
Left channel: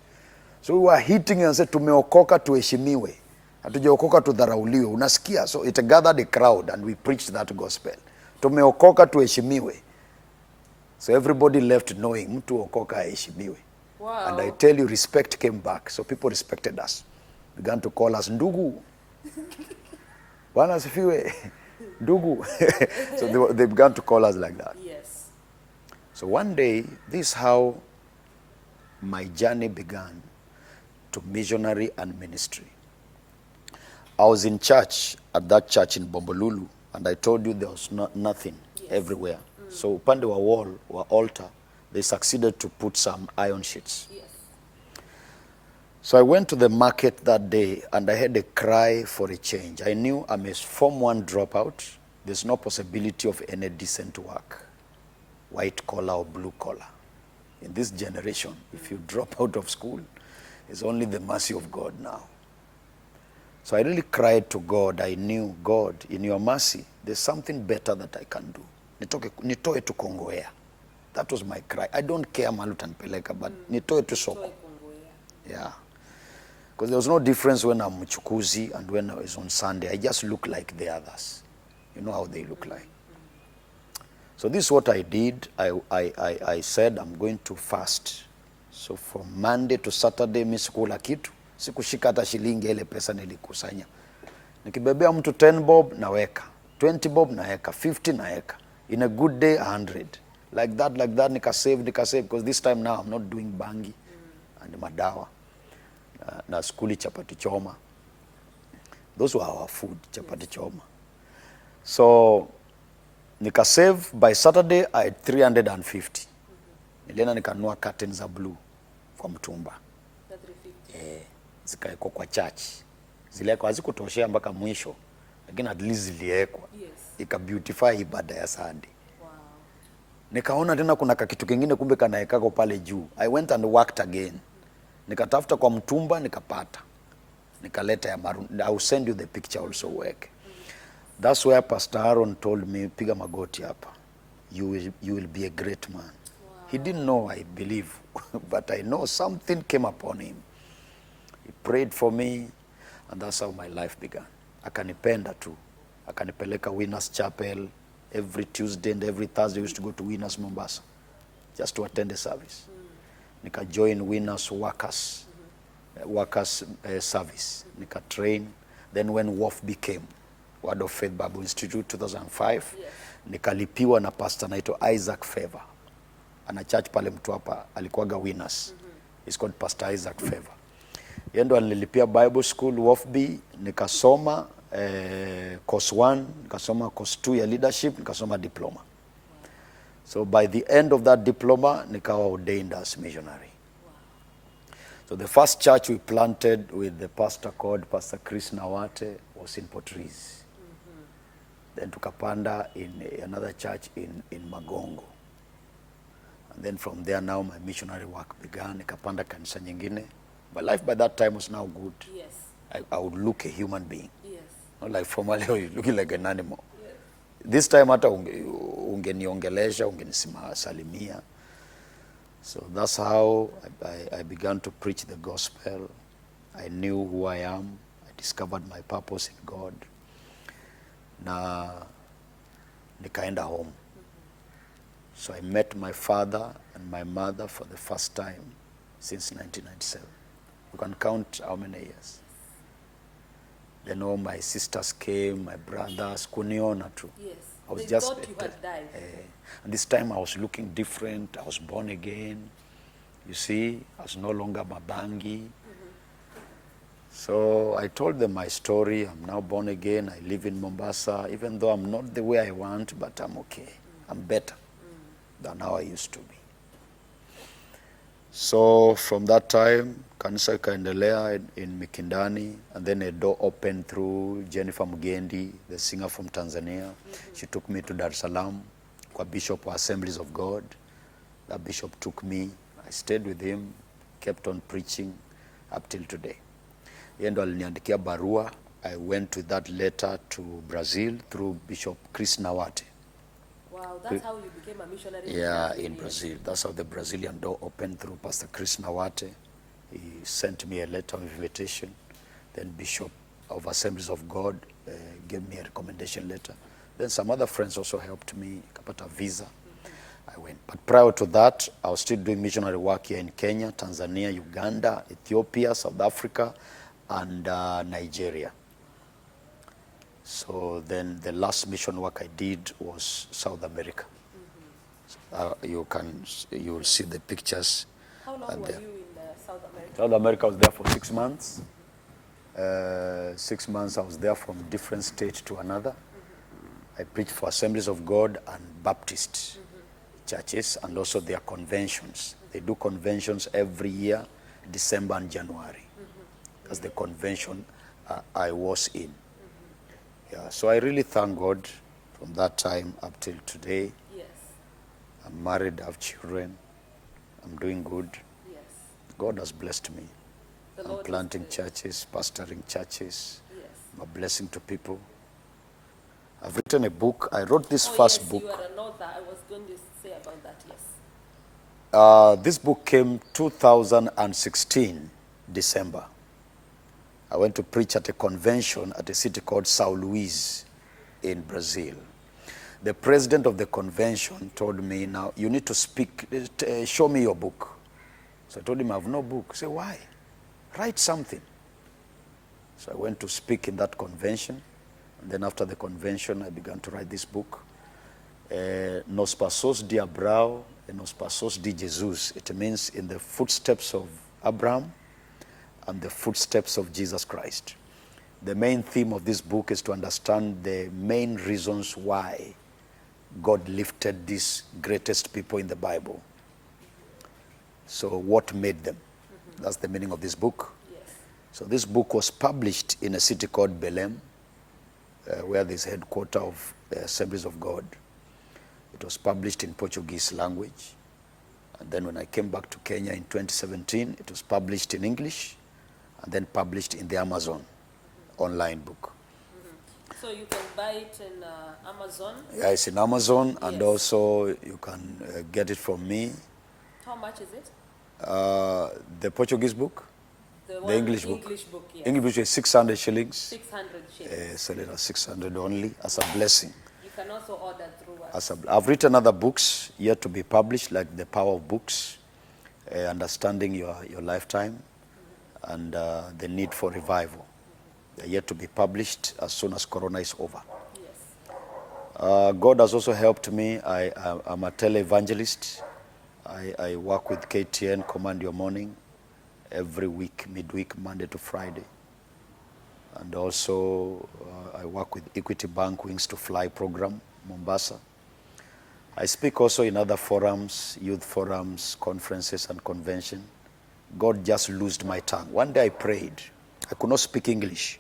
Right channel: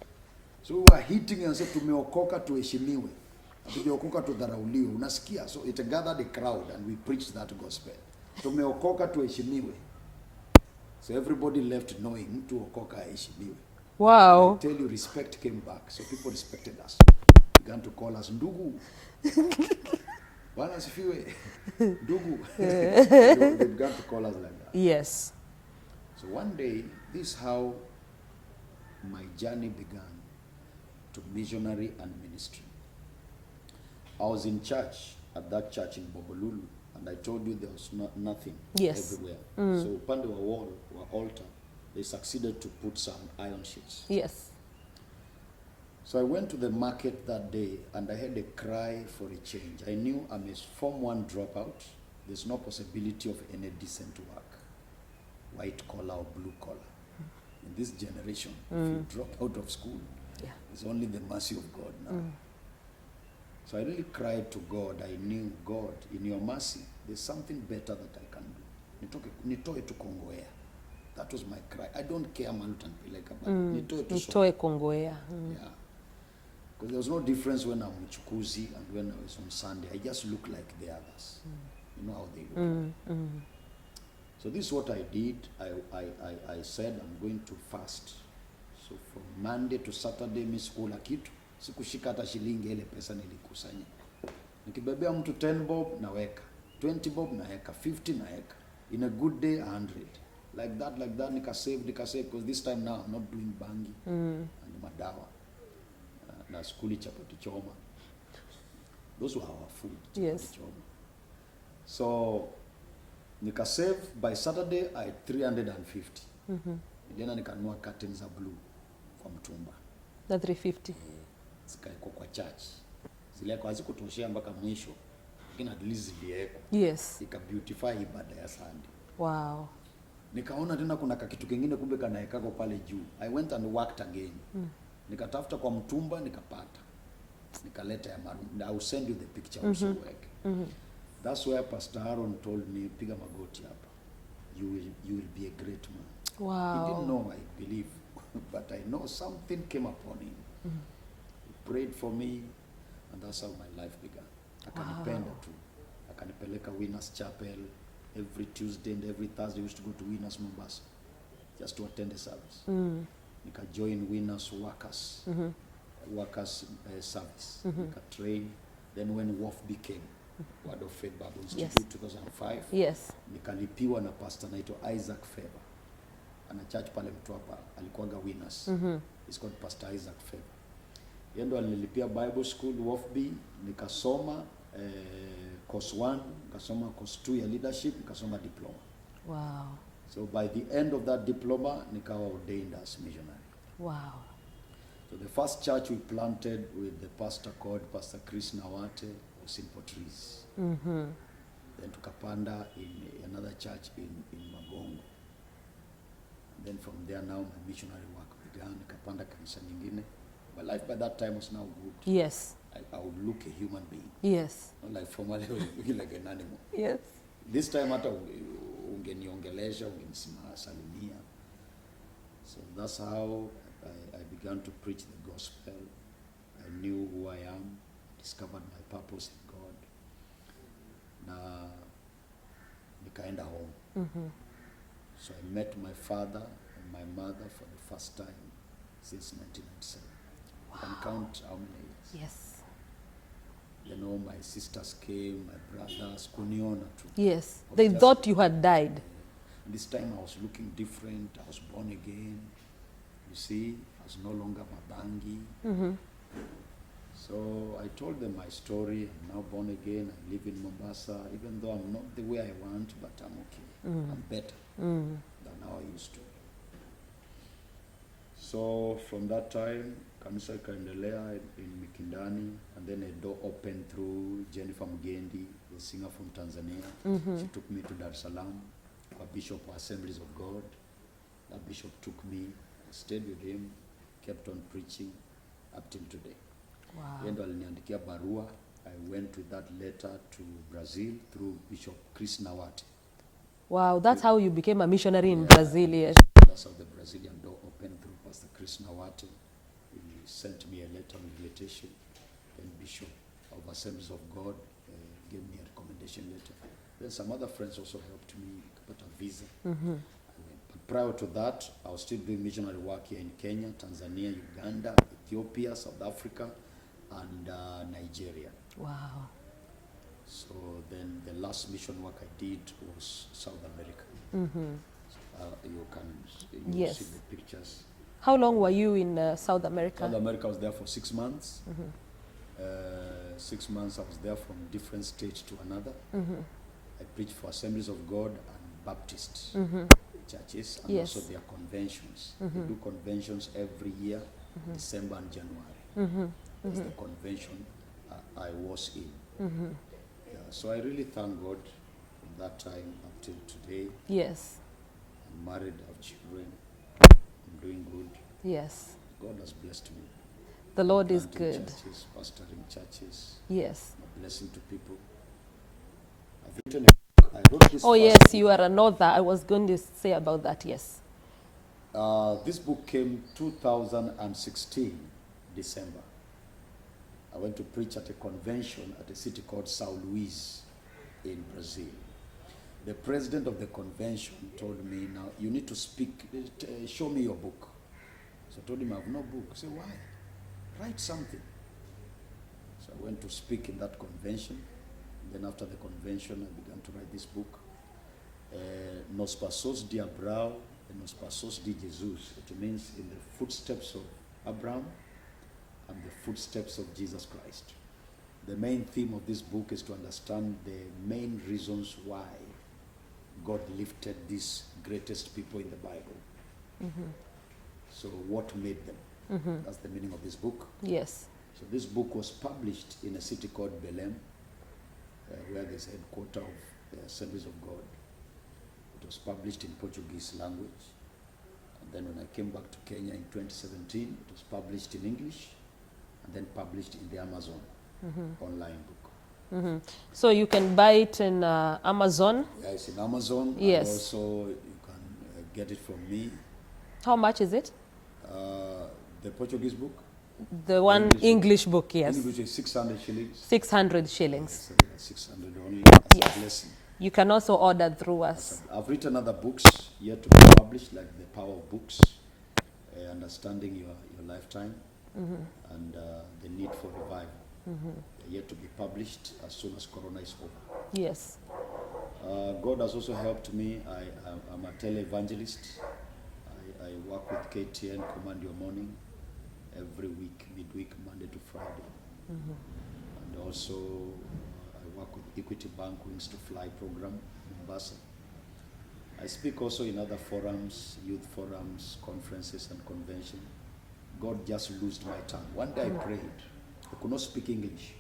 So we were hitting and said, tumeokoka tuheshimiwe. Hatujaokoka tudharauliwe. Unasikia? So it gathered a crowd and we preached that gospel. Tumeokoka tuheshimiwe. So everybody left knowing mtu okoka aheshimiwe. Wow. And I tell you, respect came back. So people respected us. Began to call us ndugu. Bwana asifiwe. Ndugu. So they began to call us like that. Yes. So one day, this is how my journey began to missionary and ministry. I was in church, at that church in Bombolulu, and I told you there was nothing everywhere. So upande wa wall, wa altar, they succeeded to put some iron sheets. Yes. So I went to the market that day and I had a cry for a change. I knew I'm a Form 1 dropout. There's no possibility of any decent work, white collar or blue collar. In this generation, if you drop out of school, it's only the mercy of God now. So I really cried to God. I knew, God, in your mercy, there's something better that I can do. Nitoe tu Kongowea. That was my cry. I don't care Malutan Peleka, but nitoe tu Soko. Nitoe Kongowea. Yeah. Because there was no difference when I'm Mchukuzi and when I was on Sunday. I just look like the others. You know how they look like. So this is what I did. I said I'm going to fast. So from Monday to Saturday, mi sikula kitu. Sikushika hata shilingi ile pesa nilikusanya. Nikibebea mtu 10 bob naweka, 20 bob naweka, 50 naweka. In a good day 100. like that, nika save, because this time now I'm not doing bangi and madawa. Na skuli chapati choma. Those were our food, chapati choma. So, nika save, by Saturday I had 350. Nilienda nikanunua curtains za blue kwa mtumba. The 350. Zikaekwa kwa church. Ziliekwa hazikutoshea mpaka mwisho, lakini at least ziliekwa. Yes. Ika beautify ibada ya Sunday. Wow. Nikaona tena kuna kitu kingine kumbe kanaekako pale juu. I went and worked again. Nikatafuta kwa mtumba nikapata. Nikaleta ya maroon. I will send you the picture also work. That's where Pastor Aaron told me, piga magoti hapa. You will be a great man. Wow. He didn't know, I believe, but I know something came upon him. He prayed for me, and that's how my life began. Akanipenda tu. Akanipeleka Winners Chapel. Every Tuesday and every Thursday I used to go to Winners Mombasa just to attend the service. Nika join Winners Workers, workers service. Nika train. Then when WOF became Word of Faith Bible Institute, 2005, Yes. nikalipiwa na pastor naito Isaac Favor. Ana church pale Mtwapa, alikuwaga Winners. He's called Pastor Isaac Favor. Yeye ndo alilipia Bible School WOFB, nikasoma course 1, nikasoma course 2 ya leadership, nikasoma diploma. Wow. So by the end of that diploma, nikawa ordained as missionary. Wow. So the first church we planted with the pastor called Pastor Chris Nawate was in Portrees. Then tukapanda in another church in Magongo. And then from there now my missionary work began. Nikapanda kanisa nyingine. My life by that time was now good. Yes. I would look a human being. Yes. Not like formerly I was looking like an animal. Yes. This time hata ungeniongelesha, ungenisalimia. So that's how I began to preach the gospel. I knew who I am. I discovered my purpose in God. Na nikaenda home. So I met my father and my mother for the first time since 1997. You can count how many years. Yes. Then all my sisters came, my brothers, kuniona too. Yes. I was They just thought you had died. And this time I was looking different. I was born again. You see, I was no longer mabangi. So I told them my story. I'm now born again. I live in Mombasa, even though I'm not the way I want, but I'm okay. I'm better than how I used to be. So from that time, kanisa ikaendelea in Mikindani, and then a door opened through Jennifer Mugendi, the singer from Tanzania. She took me to Dar es Salaam, kwa Bishop of Assemblies of God. That bishop took me. I stayed with him, kept on preaching up till today. Yeye ndo aliniandikia barua. I went with that letter to Brazil through Bishop Chris Nawate. Wow, that's how you became a missionary in Yeah, Brazil. in Yes. Brazil. That's how the Brazilian door opened through Pastor Chris Nawate. He sent me a letter of invitation. Then Bishop of Assemblies of God gave me a recommendation letter. Then some other friends also helped me, kapata visa. I went. But prior to that, I was still doing missionary work here in Kenya, Tanzania, Uganda, Ethiopia, South Africa, and Nigeria. Wow. So then the last mission work I did was South America. You will Yes. see the pictures. How long were you in South America? South America, I was there for 6 months. 6 months I was there from different state to another. I preached for Assemblies of God and Baptist churches, and Yes. also their conventions. They do conventions every year, December and January. That's the convention I was in. Yeah, so I really thank God from that time up till today. Yes. I'm married, I have children. I'm doing good. Yes. God has blessed me. The I'm Lord is planting good. churches, pastoring churches. Yes. I'm a blessing to people. I've written a book. I wrote this Oh, first yes, book. you are an author. I was going to say about that, yes. This book came 2016, December. I went to preach at a convention at a city called São Luís in Brazil. The president of the convention told me, now you need to speak, show me your book. So I told him I have no book. He said, why? Write something. So I went to speak in that convention. And then after the convention, I began to write this book. Nos pasos de Abrao and nos pasos de Jesus. It means in the footsteps of Abraham and the footsteps of Jesus Christ. The main theme of this book is to understand the main reasons why God lifted these greatest people in the Bible. So what made them? That's the meaning of this book. Yes. So this book was published in a city called Belém, where there's headquarters of the Assemblies of God. It was published in Portuguese language. And then when I came back to Kenya in 2017, it was published in English and then published in the Amazon online book. So you can buy it in Amazon. Yeah, it's in Amazon, Yes. and also you can get it from me. How much is it? The Portuguese book, The one English book. English book, yes. English is 600 shillings. 600 shillings. Sell it at 600 only as a blessing. You can also order through us. I've written other books yet to be published, like The Power of Books, Understanding Your Lifetime, and The Need for Revival. They're yet to be published as soon as Corona is over. Yes. God has also helped me. I'm a televangelist. I work with KTN, Command Your Morning, every week, midweek, Monday to Friday. And also I work with Equity Bank Wings to Fly program, Mombasa. I speak also in other forums, youth forums, conferences and convention. God just loosed my tongue. One day I prayed. I could not speak English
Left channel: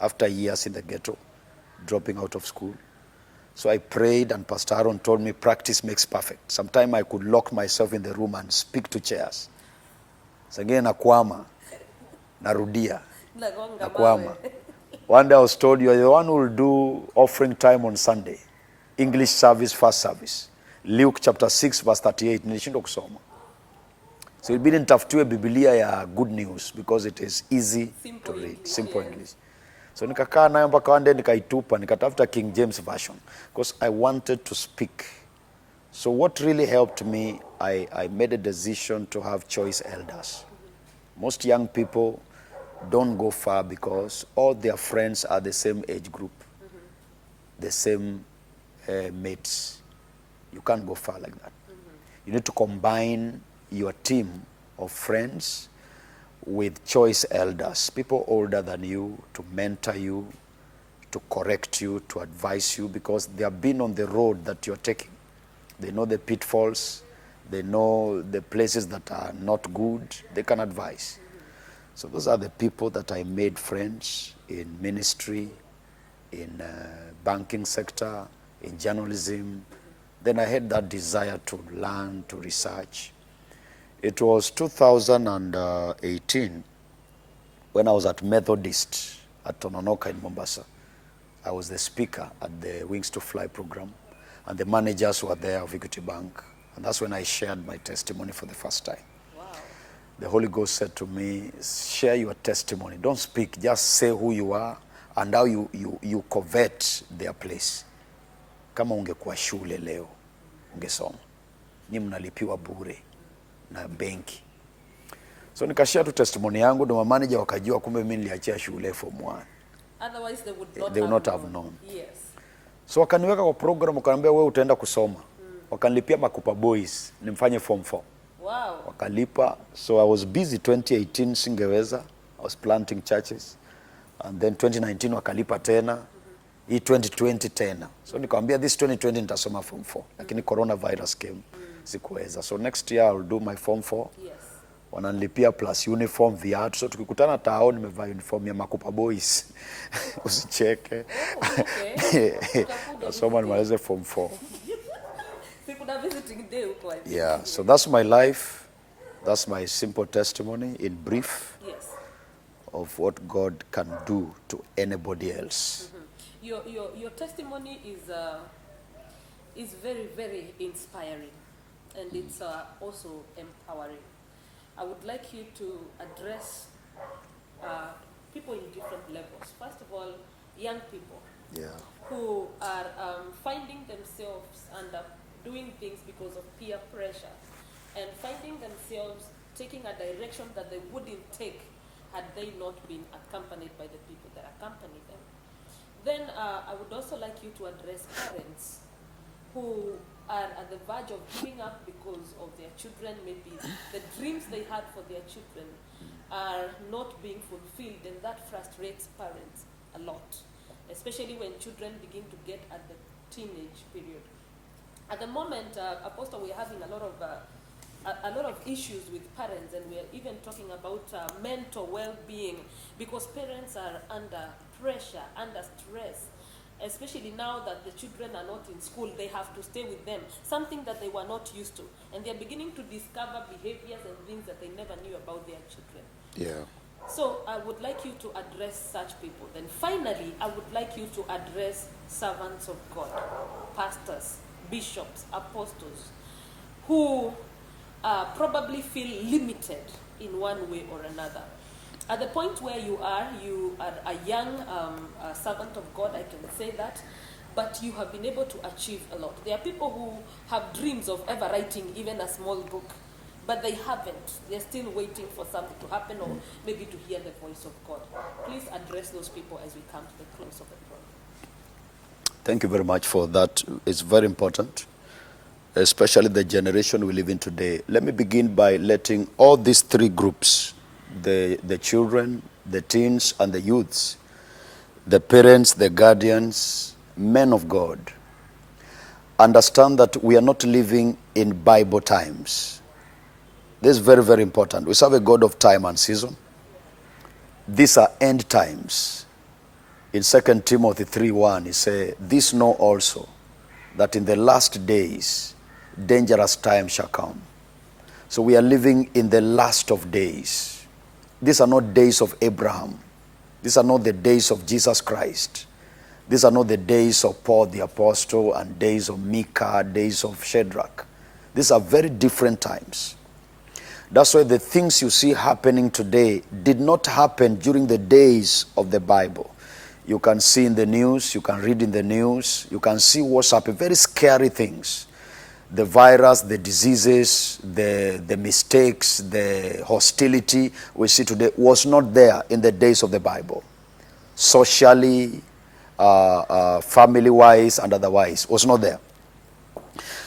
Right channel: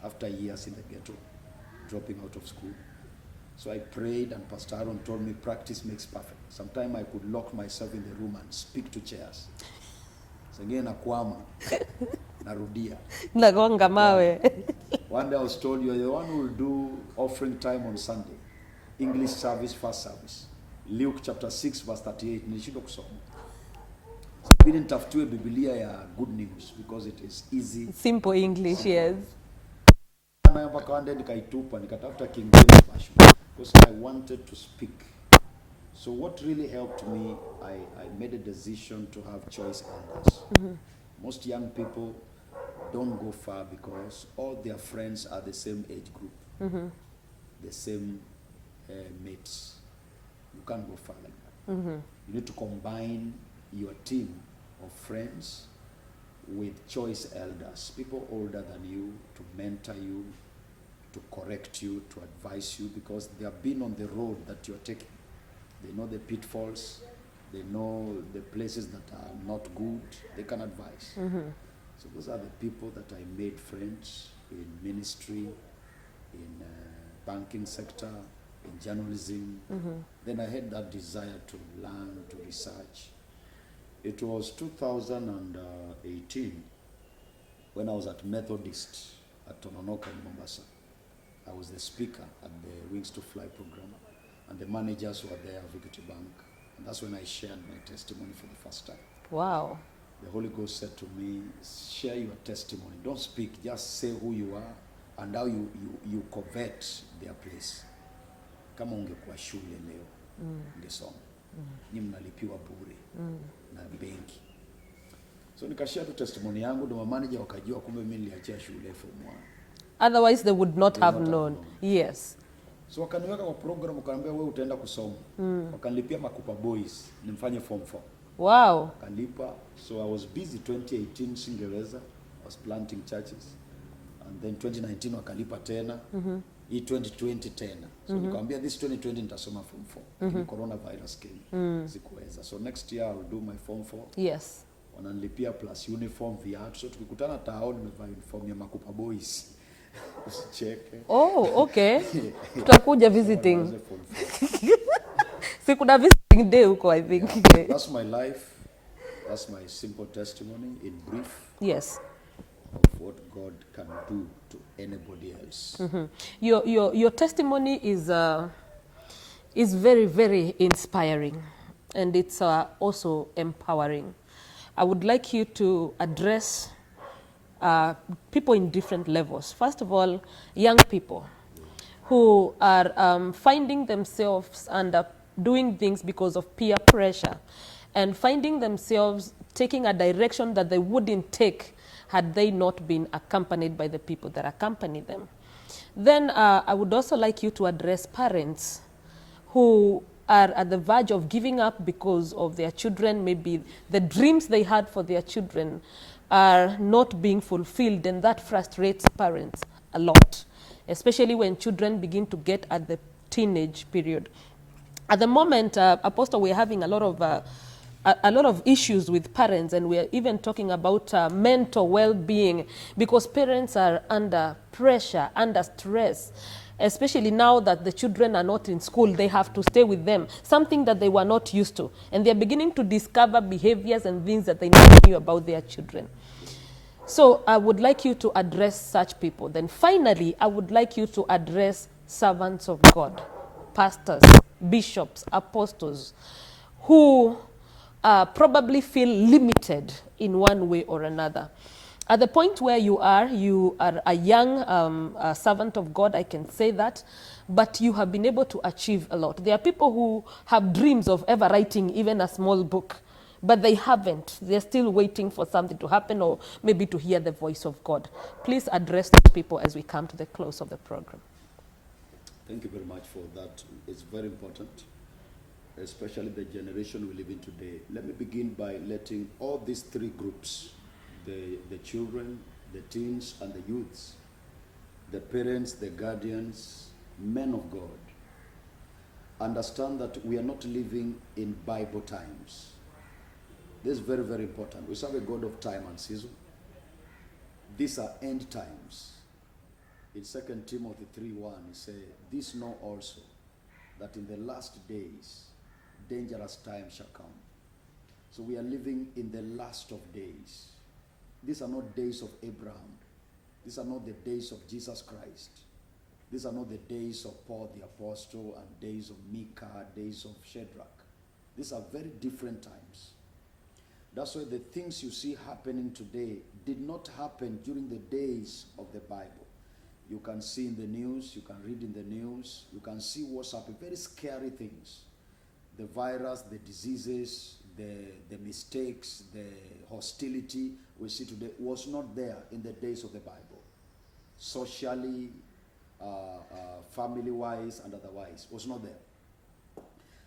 after years in the ghetto, dropping out of school. So I prayed, and Pastor Aaron told me practice makes perfect. Sometimes I could lock myself in the room and speak to chairs. So again, nakwama, narudia. Nagonga mawe. One day I was told, you are the one who will do offering time on Sunday. English service, first service. Luke chapter 6 verse 38. Nilishindwa kusoma. So ilibidi nitafutiwe Biblia ya good news because it is easy. Simple English, yes. English. So nikakaa nayo mpaka one day nikaitupa, nikatafuta King James version because I wanted to speak. So what really helped me, I made a decision to have choice elders. Most young people don't go far because all their friends are the same age group, the same mates. You can't go far like that. You need to combine your team of friends with choice elders, people older than you, to mentor you, to correct you, to advise you, because they have been on the road that you're taking. They know the pitfalls, they know the places that are not good, they can advise. So those are the people that I made friends in ministry, in banking sector, in journalism. Then I had that desire to learn, to research. It was 2018 when I was at Methodist at Tononoka in Mombasa. I was the speaker at the Wings to Fly program, and the managers were there of Equity Bank. And that's when I shared my testimony for the first time. Wow. The Holy Ghost said to me, share your testimony. Don't speak, just say who you are and how you covet their place. Kama ungekuwa shule leo, ungesoma. Ni mnalipiwa bure na benki. So nikashare tu testimony yangu, ndo manager wakajua kumbe mimi niliachia shule form 1. Otherwise they would not, have known. Yes. So wakaniweka kwa program, wakaniambia wewe utaenda kusoma. Wakanilipia Makupa Boys nimfanye form 4. Wow. Wakalipa. So I was busy 2018, singeweza. I was planting churches. And then 2019 wakalipa tena. Hii 2020 tena. So nikamwambia this 2020 nitasoma form 4. Lakini coronavirus came. Sikuweza. So next year I'll do my form 4. Yes. Wananilipia plus uniform, viatu. So tukikutana tao nimevaa uniform ya Makupa Boys. Usicheke. Oh, okay. Tutakuja visiting. Soma form 4. Kuna visiting day huko, I think. Yeah, so that's my life. That's my simple testimony in brief. Yes. Of what God can do to anybody else. Your testimony is very, very inspiring, and it's also empowering. I would like you to address people in different levels. First of all, young people who are finding themselves doing things because of peer pressure, and finding themselves taking a direction that they wouldn't take had they not been accompanied by the people that accompany them. Then I would also like you to address parents who are at the verge of giving up because of their children, maybe the dreams they had for their children are not being fulfilled, and that frustrates parents a lot, especially when children begin to get at the teenage period. At the moment, Apostle, we're having a lot of issues with parents, and we're even talking about mental well-being, because parents are under pressure, under stress, especially now that the children are not in school. They have to stay with them, something that they were not used to. And they're beginning to discover behaviors and things that they never knew about their children. Yeah. So I would like you to address such people. Then finally, I would like you to address servants of God, pastors, bishops, apostles, who probably feel limited in one way or another. At the point where you are a young servant of God, I can say that, but you have been able to achieve a lot. There are people who have dreams of ever writing even a small book, but they haven't. They're still waiting for something to happen, or maybe to hear the voice of God. Please address those people as we come to the close of the program. Thank you very much for that. It's very important, especially the generation we live in today. Let me begin by letting all these three groups, the children, the teens, and the youths, the parents, the guardians, men of God, understand that we are not living in Bible times. This is very, very important. We serve a God of time and season. These are end times. In 2 Timothy 3:1, he says, "This know also, that in the last days dangerous times shall come." So we are living in the last of days. These are not days of Abraham. These are not the days of Jesus Christ. These are not the days of Paul the Apostle and days of Micah, days of Shadrach. These are very different times. That's why the things you see happening today did not happen during the days of the Bible. You can see in the news, you can read in the news, you can see what's happening, very scary things. The virus, the diseases, the mistakes, the hostility we see today was not there in the days of the Bible. Socially, family-wise, and otherwise, was not there.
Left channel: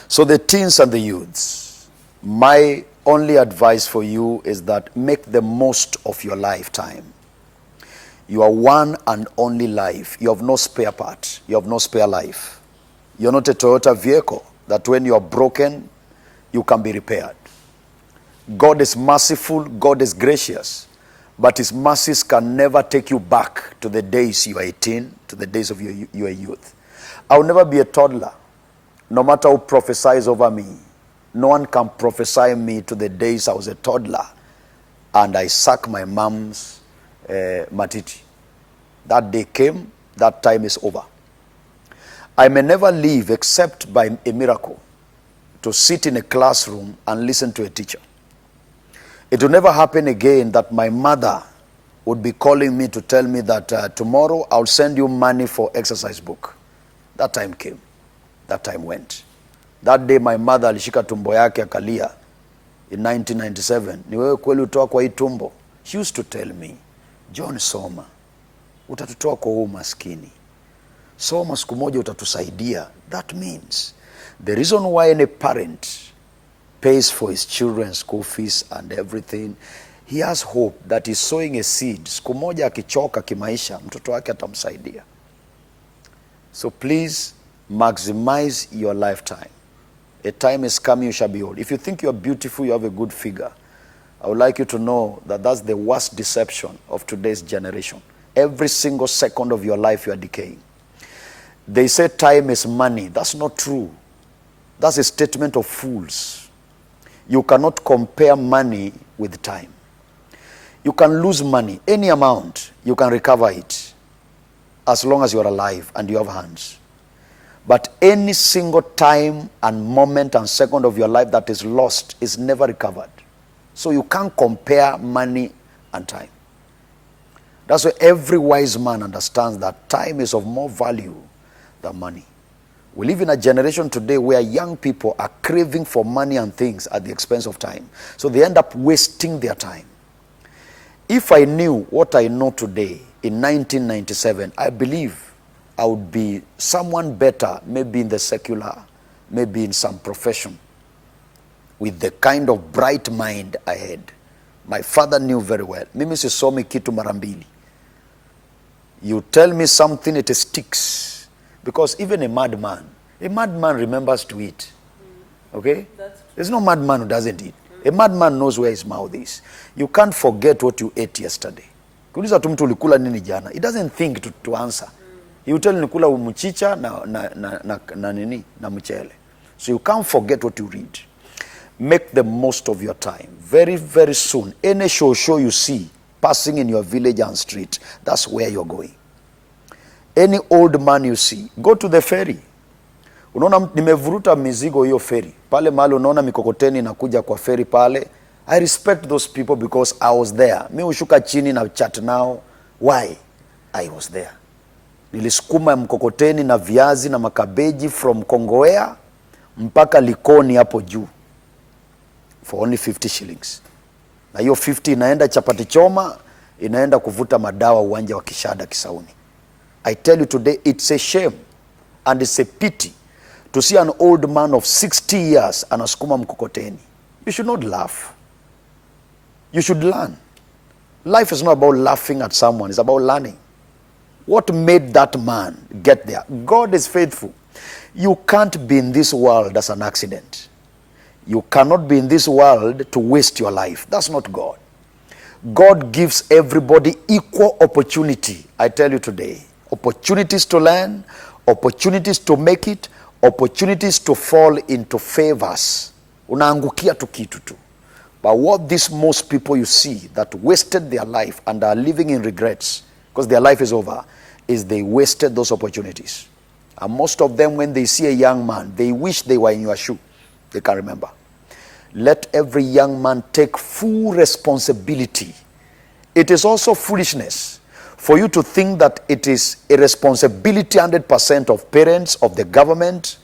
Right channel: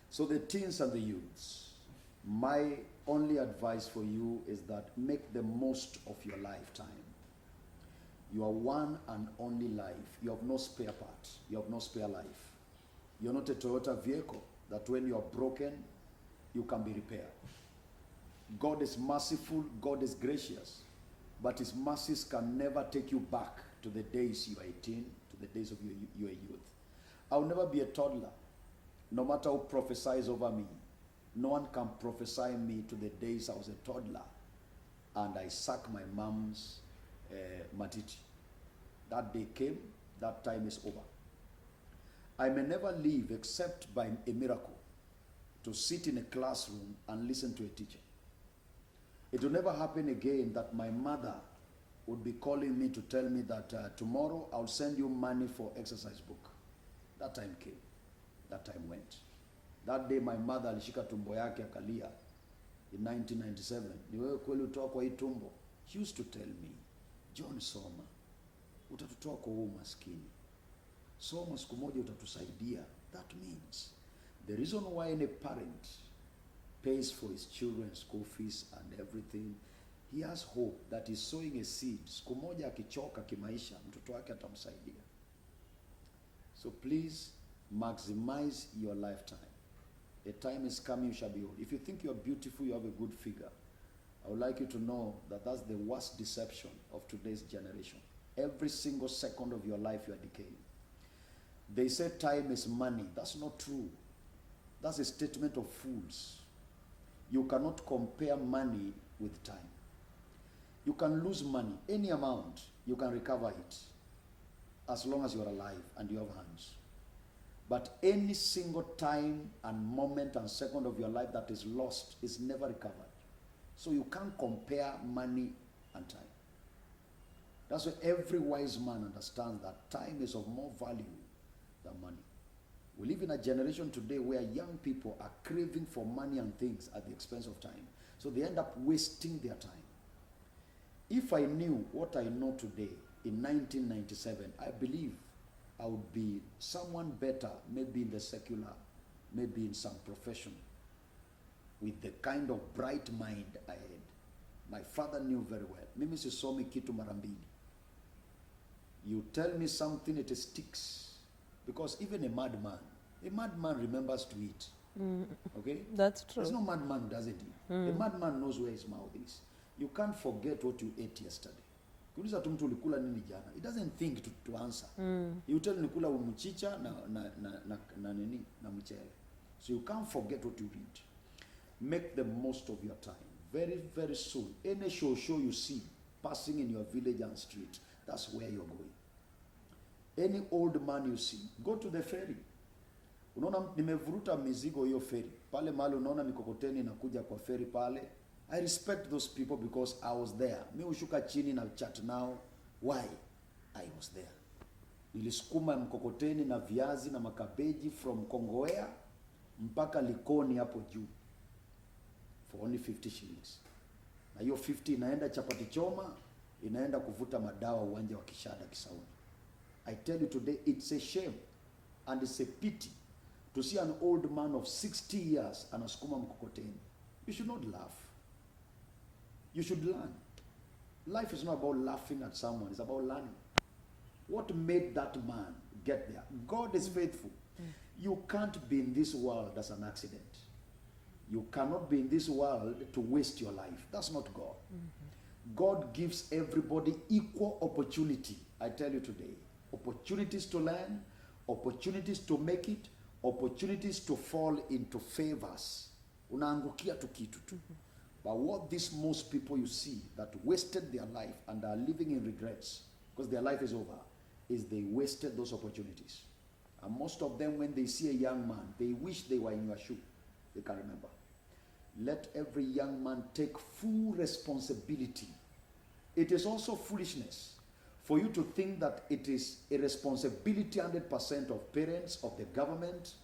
So the teens and the youths, my only advice for you is that make the most of your lifetime. You are one and only life. You have no spare part. You have no spare life. You're not a Toyota vehicle that when you are broken, you can be repaired. God is merciful, God is gracious, but his mercies can never take you back to the days you are 18, to the days of your youth. I will never be a toddler, no matter who prophesies over me. No one can prophesy me to the days I was a toddler and I suck my mom's matiti. That day came, that time is over. I may never live except by a miracle to sit in a classroom and listen to a teacher. It will never happen again that my mother would be calling me to tell me that tomorrow I'll send you money for exercise book. That time came. That time went. That day my mother alishika tumbo yake akalia in 1997. Ni wewe kweli utoa kwa hii tumbo? She used to tell me, John, soma. Utatutoa kwa huu maskini. Soma siku moja utatusaidia. That means the reason why any parent pays for his children's school fees and everything, he has hope that he's sowing a seed. Siku moja akichoka kimaisha, mtoto wake atamsaidia. So please maximize your lifetime. A time is coming, you shall be old. If you think you're beautiful, you have a good figure, I would like you to know that that's the worst deception of today's generation. Every single second of your life, you are decaying. They say time is money. That's not true. That's a statement of fools. You cannot compare money with time. You can lose money, any amount, you can recover it as long as you are alive and you have hands. But any single time and moment and second of your life that is lost is never recovered. So you can't compare money and time. That's why every wise man understands that time is of more value than money. We live in a generation today where young people are craving for money and things at the expense of time. So they end up wasting their time. If I knew what I know today in 1997, I believe I would be someone better, maybe in the secular maybe in some profession, with the kind of bright mind I had. My father knew very well. Mimi sisomi kitu mara mbili. You tell me something, it sticks. Because even a madman remembers to eat. Okay? That's true. There's no madman who doesn't eat. A madman knows where his mouth is. You can't forget what you ate yesterday. Kuuliza tu mtu ulikula nini jana. He doesn't think to answer. He will tell you nikula mchicha na mchele. So you can't forget what you read. Make the most of your time. Very, very soon, any show you see passing in your village and street, that's where you're going. Any old man you see, go to the ferry. Unaona nimevuruta mizigo hiyo ferry. Pale mahali unaona mikokoteni inakuja kwa ferry pale. I respect those people because I was there. Mi ushuka chini na chat now. Why? I was there. Nilisukuma mkokoteni na viazi na makabeji from Kongowea mpaka Likoni hapo juu for only 50 shillings. Na hiyo 50 inaenda chapati choma, inaenda kuvuta madawa uwanja wa Kishada Kisauni. I tell you today, it's a shame and it's a pity to see an old man of 60 years anasukuma mkokoteni. You should not laugh. You should learn. Life is not about laughing at someone, it's about learning. What made that man get there? God is faithful. You can't be in this world as an accident. You cannot be in this world to waste your life. That's not God. God gives everybody equal opportunity. I tell you today, opportunities to learn, opportunities to make it, opportunities to fall into favors. Unaangukia tu kitu tu. But what these most people you see that wasted their life and are living in regrets because their life is over, is they wasted those opportunities. And most of them, when they see a young man, they wish they were in your shoe. They can't remember. Let every young man take full responsibility. It is also foolishness for you to think that it is a responsibility 100% of parents, of the government,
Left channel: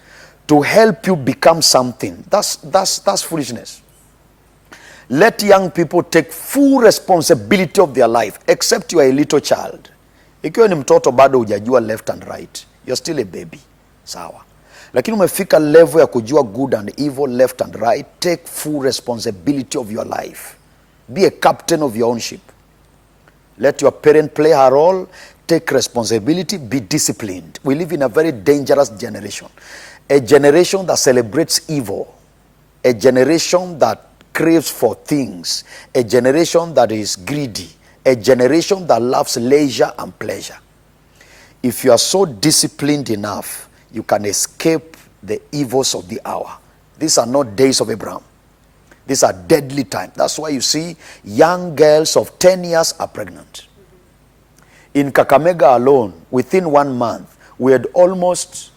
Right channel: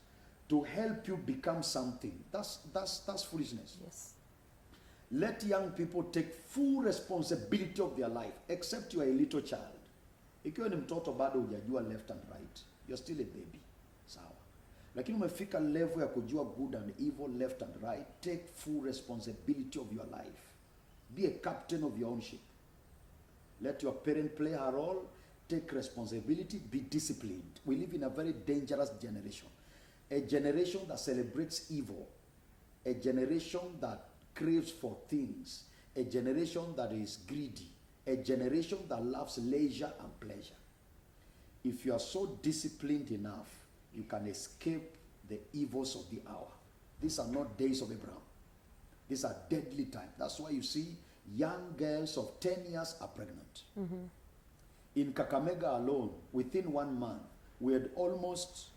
to help you become something. That's foolishness. Let young people take full responsibility of their life, except you are a little child. Ikiwa ni mtoto bado hujajua left and right, you're still a baby. Sawa. Lakini umefika level ya kujua good and evil, left and right, take full responsibility of your life. Be a captain of your own ship. Let your parent play her role, take responsibility, be disciplined. We live in a very dangerous generation. A generation that celebrates evil. A generation that craves for things. A generation that is greedy. A generation that loves leisure and pleasure. If you are so disciplined enough, you can escape the evils of the hour. These are not days of Abraham. These are deadly times. That's why you see young girls of 10 years are pregnant. In Kakamega alone, within 1 month, we had almost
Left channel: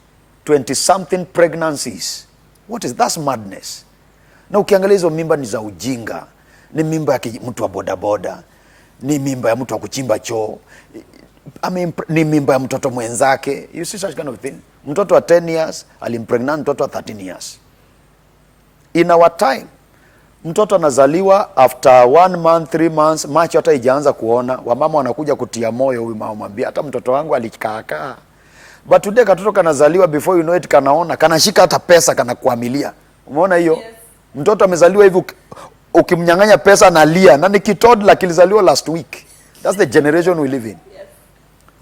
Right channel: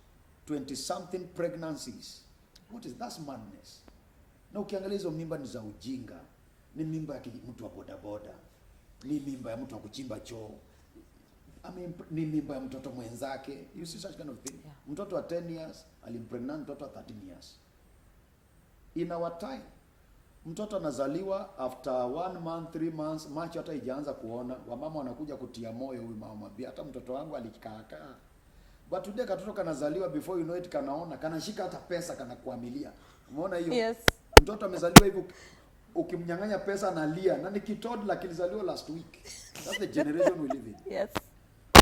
20-something pregnancies. What is that's madness? Na ukiangalia hizo mimba ni za ujinga. Ni mimba ya mtu wa bodaboda. Ni mimba ya mtu wa kuchimba choo. Ni mimba ya mtoto mwenzake. You see such kind of thing. Mtoto wa 10 years alimpregnant mtoto wa 13 years. In our time, mtoto anazaliwa after 1 month, 3 months, macho hata ijaanza kuona, wamama wanakuja kutia moyo huyu mama mwambia hata mtoto wangu alikaakaa. But today katoto kanazaliwa before you know it kanaona, kanashika hata pesa kanakuamilia. Umeona hiyo? Yes. Mtoto amezaliwa hivi ukimnyang'anya pesa analia. Na ni kitodla kilizaliwa last week. That's the generation we live in. Yes.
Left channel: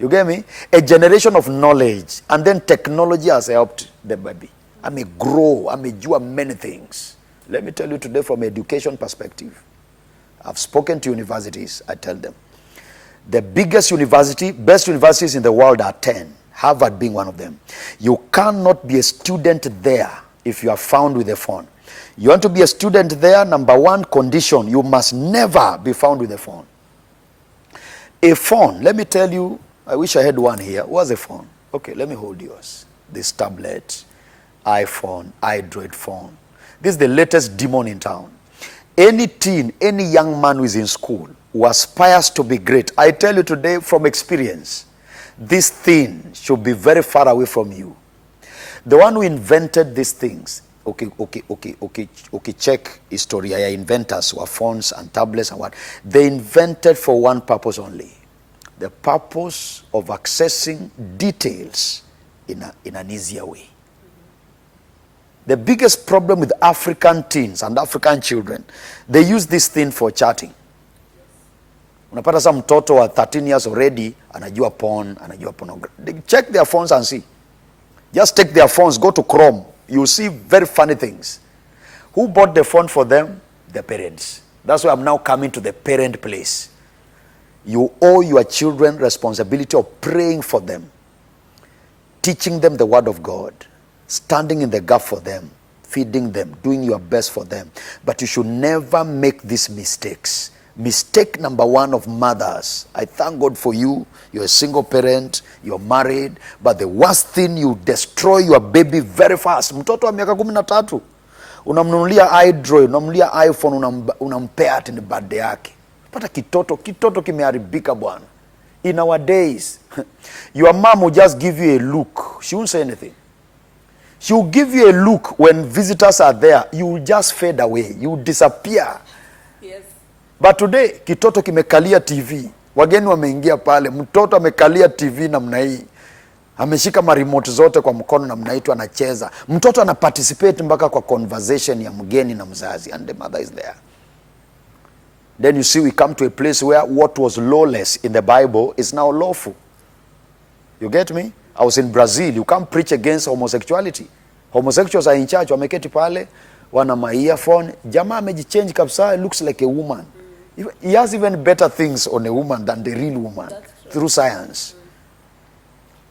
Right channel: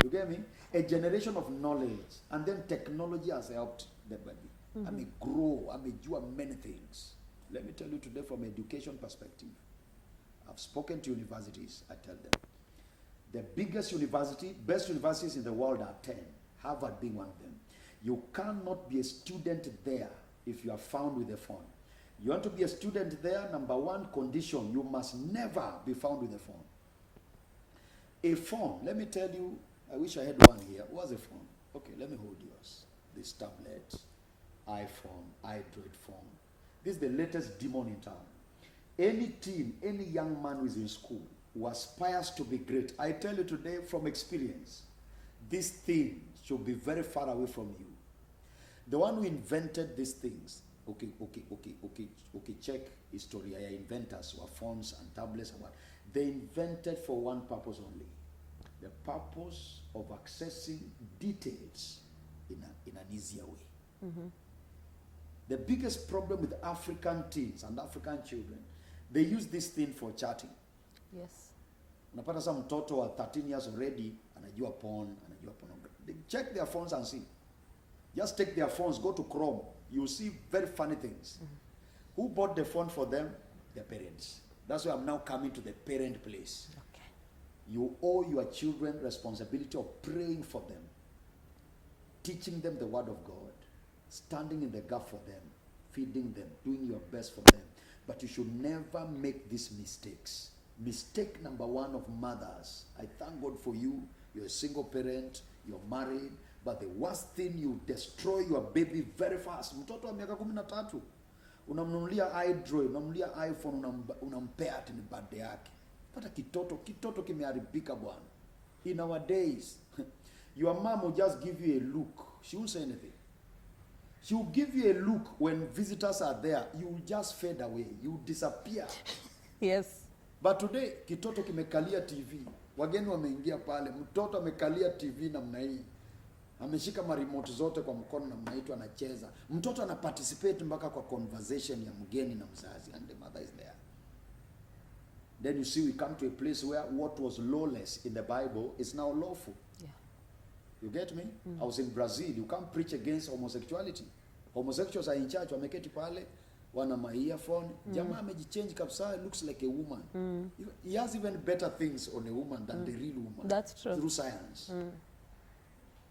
You get me? A generation of knowledge, and then technology has helped the baby. I may grow, I may do many things. Let me tell you today from an education perspective. I've spoken to universities, I tell them. The biggest university, best universities in the world are 10. Harvard being one of them. You cannot be a student there if you are found with a phone. You want to be a student there, number one condition, you must never be found with a phone. A phone, let me tell you, I wish I had one here. What's a phone? Okay, let me hold yours. This tablet, iPhone, Android phone. This is the latest demon in town. Any teen, any young man who is in school, who aspires to be great, I tell you today from experience, this thing should be very far away from you. The one who invented these things, okay, check history. Inventors were phones and tablets and what. They invented for one purpose only. The purpose of accessing details in an easier way. The biggest problem with African teens and African children, they use this thing for chatting. Unapata sa mtoto wa 13 years already anajua porn, anajua pornography. They check their phones and see. Just take their phones, go to Chrome. You see very funny things. Who bought the phone for them? The parents. That's why I'm now coming to the parent place. You owe your children responsibility of praying for them, teaching them the word of God, standing in the gap for them, feeding them, doing your best for them. But you should never make these mistakes. Mistake number one of mothers. I thank God for you. You're a single parent. You're married. But the worst thing, you destroy your baby very fast. Mtoto wa miaka 13. Unamnunulia iDroid, unamnunulia iPhone, unampea ati ni birthday yake. Pata kitoto kimeharibika bwana. In our days, your mom will just give you a look. She won't say anything. She will give you a look when visitors are there. You will just fade away. You will disappear. Yes. But today, kitoto kimekalia TV. Wageni wameingia pale. Mtoto amekalia TV namna hii. Ameshika remote zote kwa mkono namna hii tu anacheza. Mtoto ana participate mpaka kwa conversation ya mgeni na mzazi. And the mother is there. Then you see we come to a place where what was lawless in the Bible is now lawful. You get me? I was in Brazil. You can't preach against homosexuality. Homosexuals are in church. Wameketi pale. Wana ma earphone. Jamaa amejichange kabisa. Looks like a woman. He has even better things on a woman than the real woman. Through science.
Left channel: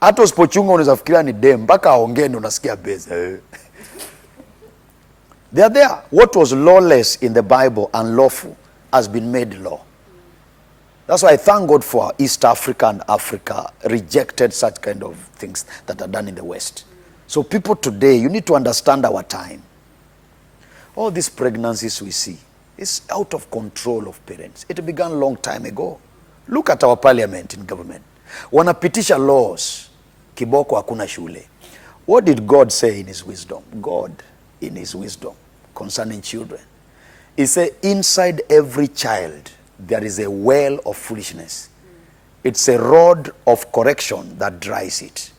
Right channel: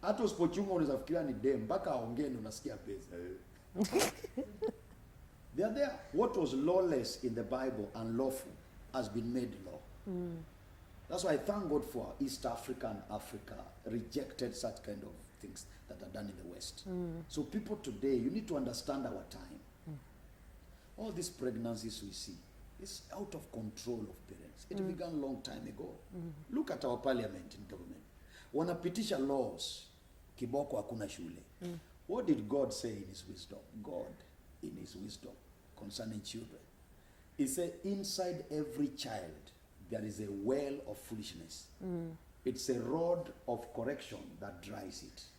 Hata usipochunga unaweza fikiria ni dem. Mpaka aongee unasikia beza. They are there. What was lawless in the Bible and lawful has been made law. That's why I thank God for East Africa and Africa rejected such kind of things that are done in the West. So people today, you need to understand our time. All these pregnancies we see is out of control of parents. It began a long time ago. Look at our parliament in government. Wanapitisha laws. Kiboko hakuna shule. What did God say in his wisdom? God in his wisdom concerning children. He said, inside every child, there is a well of foolishness. It's a rod of correction that dries it.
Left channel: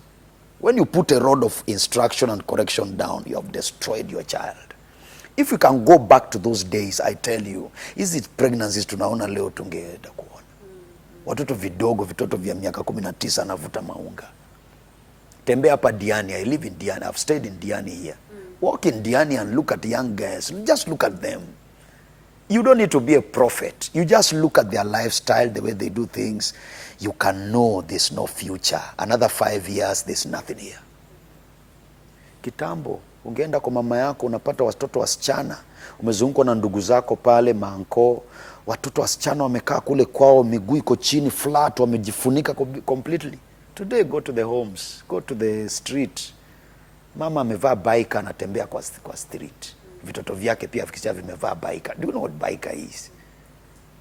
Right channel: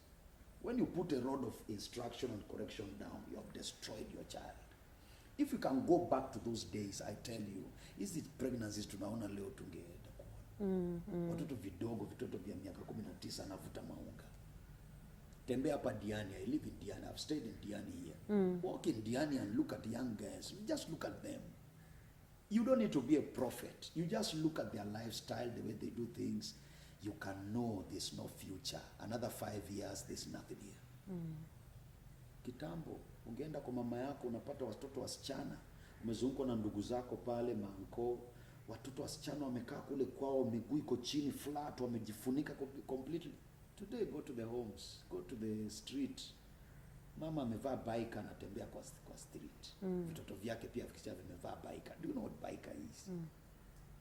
When you put a rod of instruction and correction down, you have destroyed your child. If you can go back to those days, I tell you, is it pregnancies tunaona leo tungeenda kuona. Watoto vidogo, vitoto vya miaka 19 anavuta maunga. Tembea hapa Diani. I live in Diani. I've stayed in Diani here. Walk in Diani and look at young girls. Just look at them. You don't need to be a prophet. You just look at their lifestyle, the way they do things. You can know there's no future. Another 5 years, there's nothing here. Kitambo, ungeenda kwa mama yako, unapata watoto wasichana. Umezungukwa na ndugu zako pale, maanko. Watoto wasichana wamekaa kule kwao, miguu iko chini, flat, wamejifunika completely. Today, go to the homes, go to the street. Mama amevaa baika anatembea kwa street. Vitoto vyake pia vikisha vimevaa baika. Do you know what baika is?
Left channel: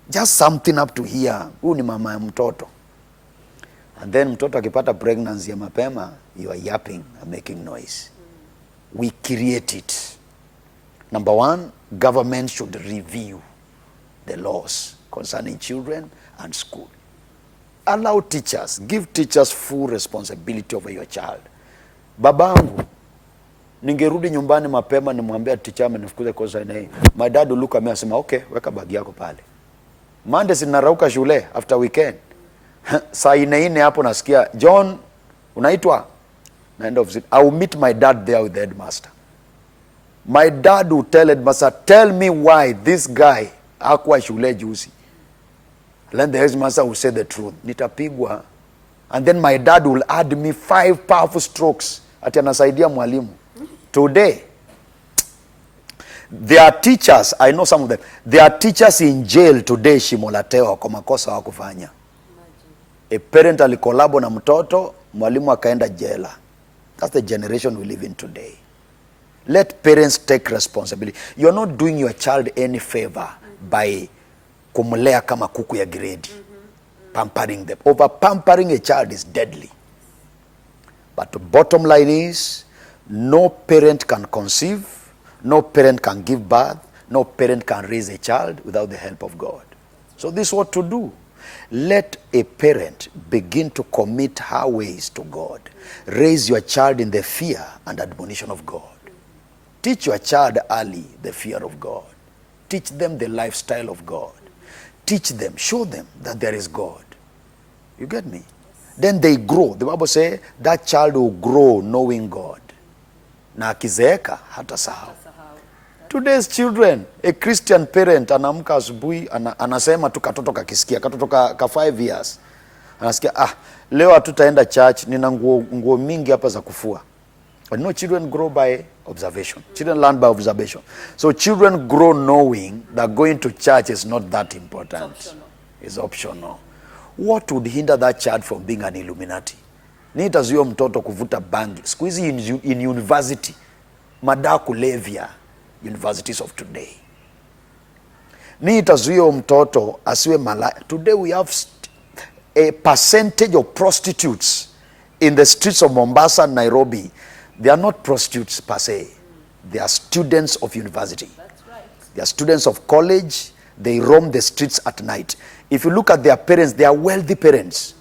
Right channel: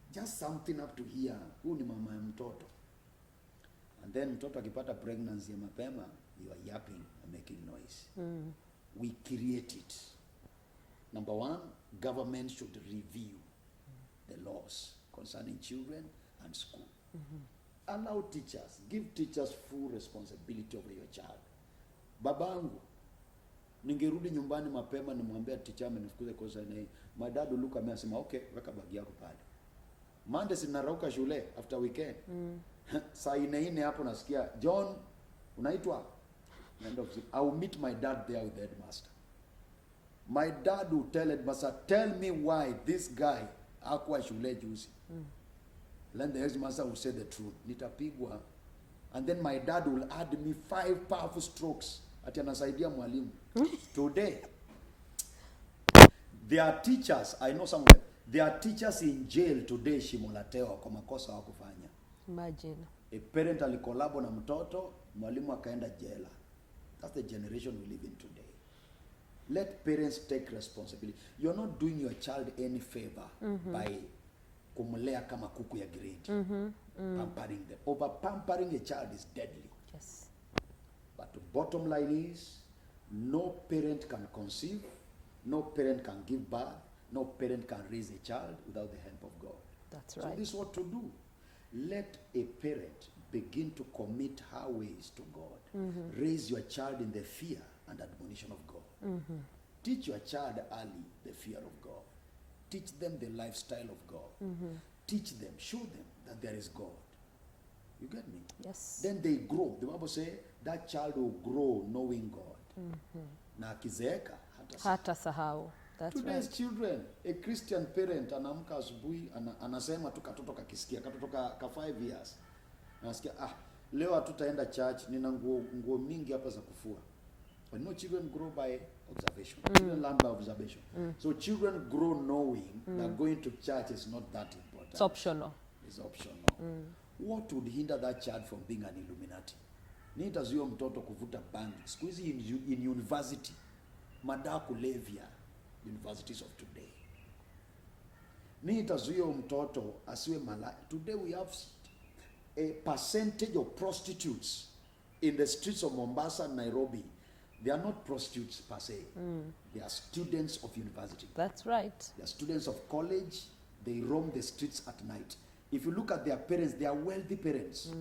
Just something up to here. Huyu ni mama ya mtoto. And then mtoto akipata pregnancy ya mapema, you are yapping and making noise. We create it. Number one, government should review the laws concerning children and school. Allow teachers, give teachers full responsibility over your child. Babangu, ningerudi nyumbani mapema nimwambia teacher amenifukuza kwa sababu hii. My dad will look at me and say, okay, weka bagi yako pale. Monday sinarauka shule after weekend. Saa 4 hapo nasikia, John, unaitwa? End of it. I will meet my dad there with the headmaster. My dad will tell headmaster, tell me why this guy hakuwa shule juzi. Then the headmaster will say the truth. Nitapigwa. And then my dad will add me 5 powerful strokes. Ati anasaidia mwalimu. Today, there are teachers, I know some of them, there are teachers in jail today shimolatewa kwa makosa wakufanya. Imagine. A parent alikolabo na mtoto, mwalimu akaenda jela. That's the generation we live in today. Let parents take responsibility. You're not doing your child any favor by kumlea kama kuku ya grade. Pampering them. Over pampering a child is deadly. But the bottom line is, no parent can conceive, no parent can give birth, no parent can raise a child without the help of God. Right. So this is what to do. Let a parent begin to commit her ways to God. Raise your child in the fear and admonition of God. Teach your child early the fear of God. Teach them the lifestyle of God. Teach them, show them that there is God. You get me? Yes. Then they grow. The Bible says that child will grow knowing God. Na akizeeka hata sahau. Today's children, a Christian parent anaamka asubuhi anasema tu katoto kakisikia, katoto ka 5 years. Anasikia leo hatutaenda church, nina nguo mingi hapa za kufua. But no, children grow by observation. Children learn by observation. So children grow knowing that going to church is not that important. It's optional. It's optional. What would hinder that child from being an Illuminati? Ni itazuia mtoto kuvuta bangi. Siku hizi in university, madawa kulevya, universities of today. Ni itazuia mtoto asiwe malaya. Today we have a percentage of prostitutes in the streets of Mombasa and Nairobi. They are not prostitutes per se. They are students of university. That's right. They are students of college. They roam the streets at night. If you look at their parents, they are wealthy parents.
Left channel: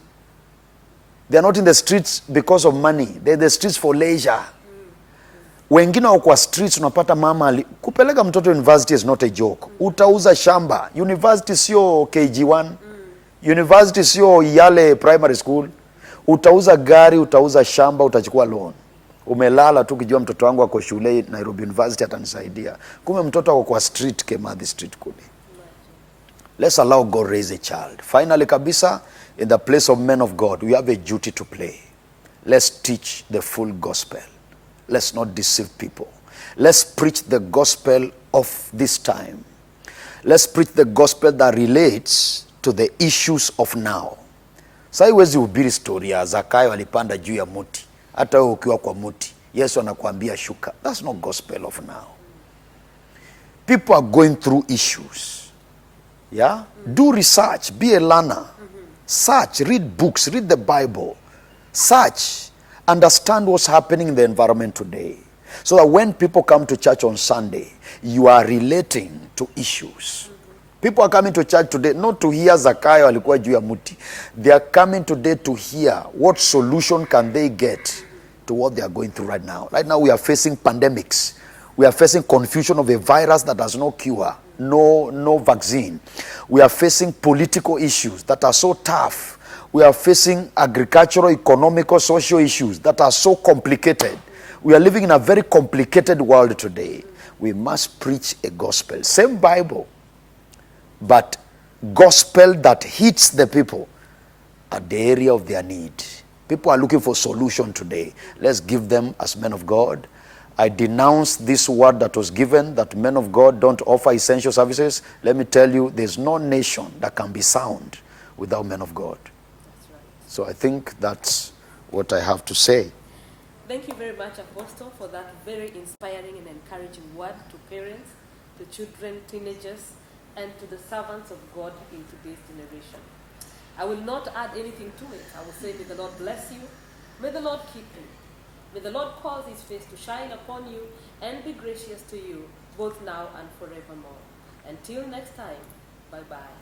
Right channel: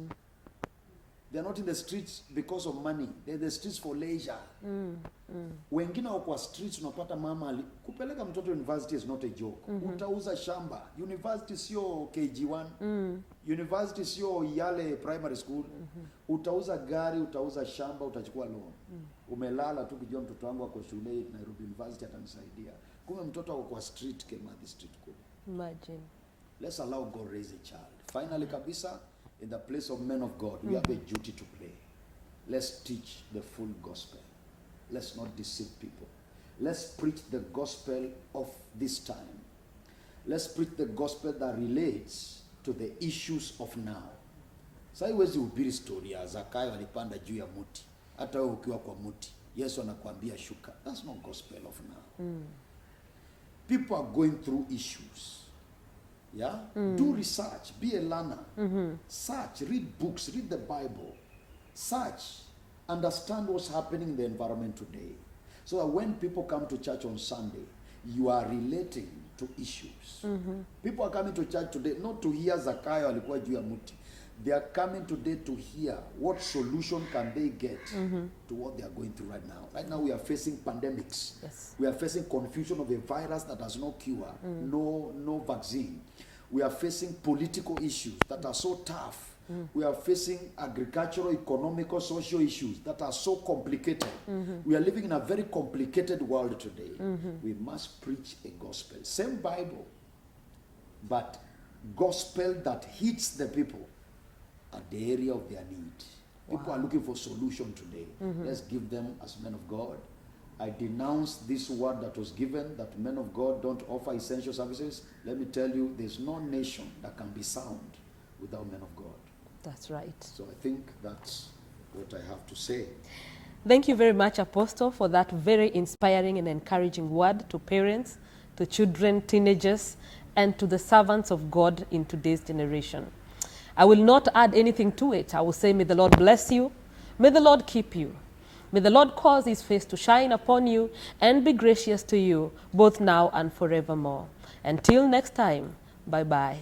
They are not in the streets because of money. They're in the streets for leisure. Wengine wako kwa streets, unapata mama kupeleka mtoto university is not a joke. Utauza shamba. University sio KG1. University sio Yale primary school. Utauza gari, utauza shamba, utachukua loan. Umelala tu kijua mtoto wangu ako shule Nairobi University atanisaidia. Kumbe mtoto wako kwa street Kimathi street kule. Imagine. Let's allow God raise a child. Finally kabisa, in the place of men of God, we have a duty to play. Let's teach the full gospel. Let's not deceive people. Let's preach the gospel of this time. Let's preach the gospel that relates to the issues of now. Sasa huwezi hubiri story ya Zakayo alipanda juu ya muti. Hata wewe ukiwa kwa muti, Yesu anakuambia shuka. That's not gospel of now. People are going through issues. Yeah? Do research, be a learner. Search, read books, read the Bible. Search, understand what's happening in the environment today. So that when people come to church on Sunday, you are relating to issues. People are coming to church today not to hear Zakayo alikuwa juu ya muti. They are coming today to hear what solution can they get to what they are going through right now. Right now we are facing pandemics. We are facing confusion of a virus that has no cure, no vaccine. We are facing political issues that are so tough. We are facing agricultural, economical, social issues that are so complicated. We are living in a very complicated world today. We must preach a gospel. Same Bible, but gospel that hits the people at the area of their need. People are looking for solution today. Let's give them as men of God. I denounce this word that was given, that men of God don't offer essential services. Let me tell you, there's no nation that can be sound without men of God. That's right. So I think that's what I have to say. Thank you very much, Apostle, for that very inspiring and encouraging word to parents, to children, teenagers, and to the servants of God in today's generation. I will not add anything to it. I will say, may the Lord bless you. May the Lord keep you. May the Lord cause his face to shine upon you and be gracious to you, both now and forevermore. Until next time, bye-bye.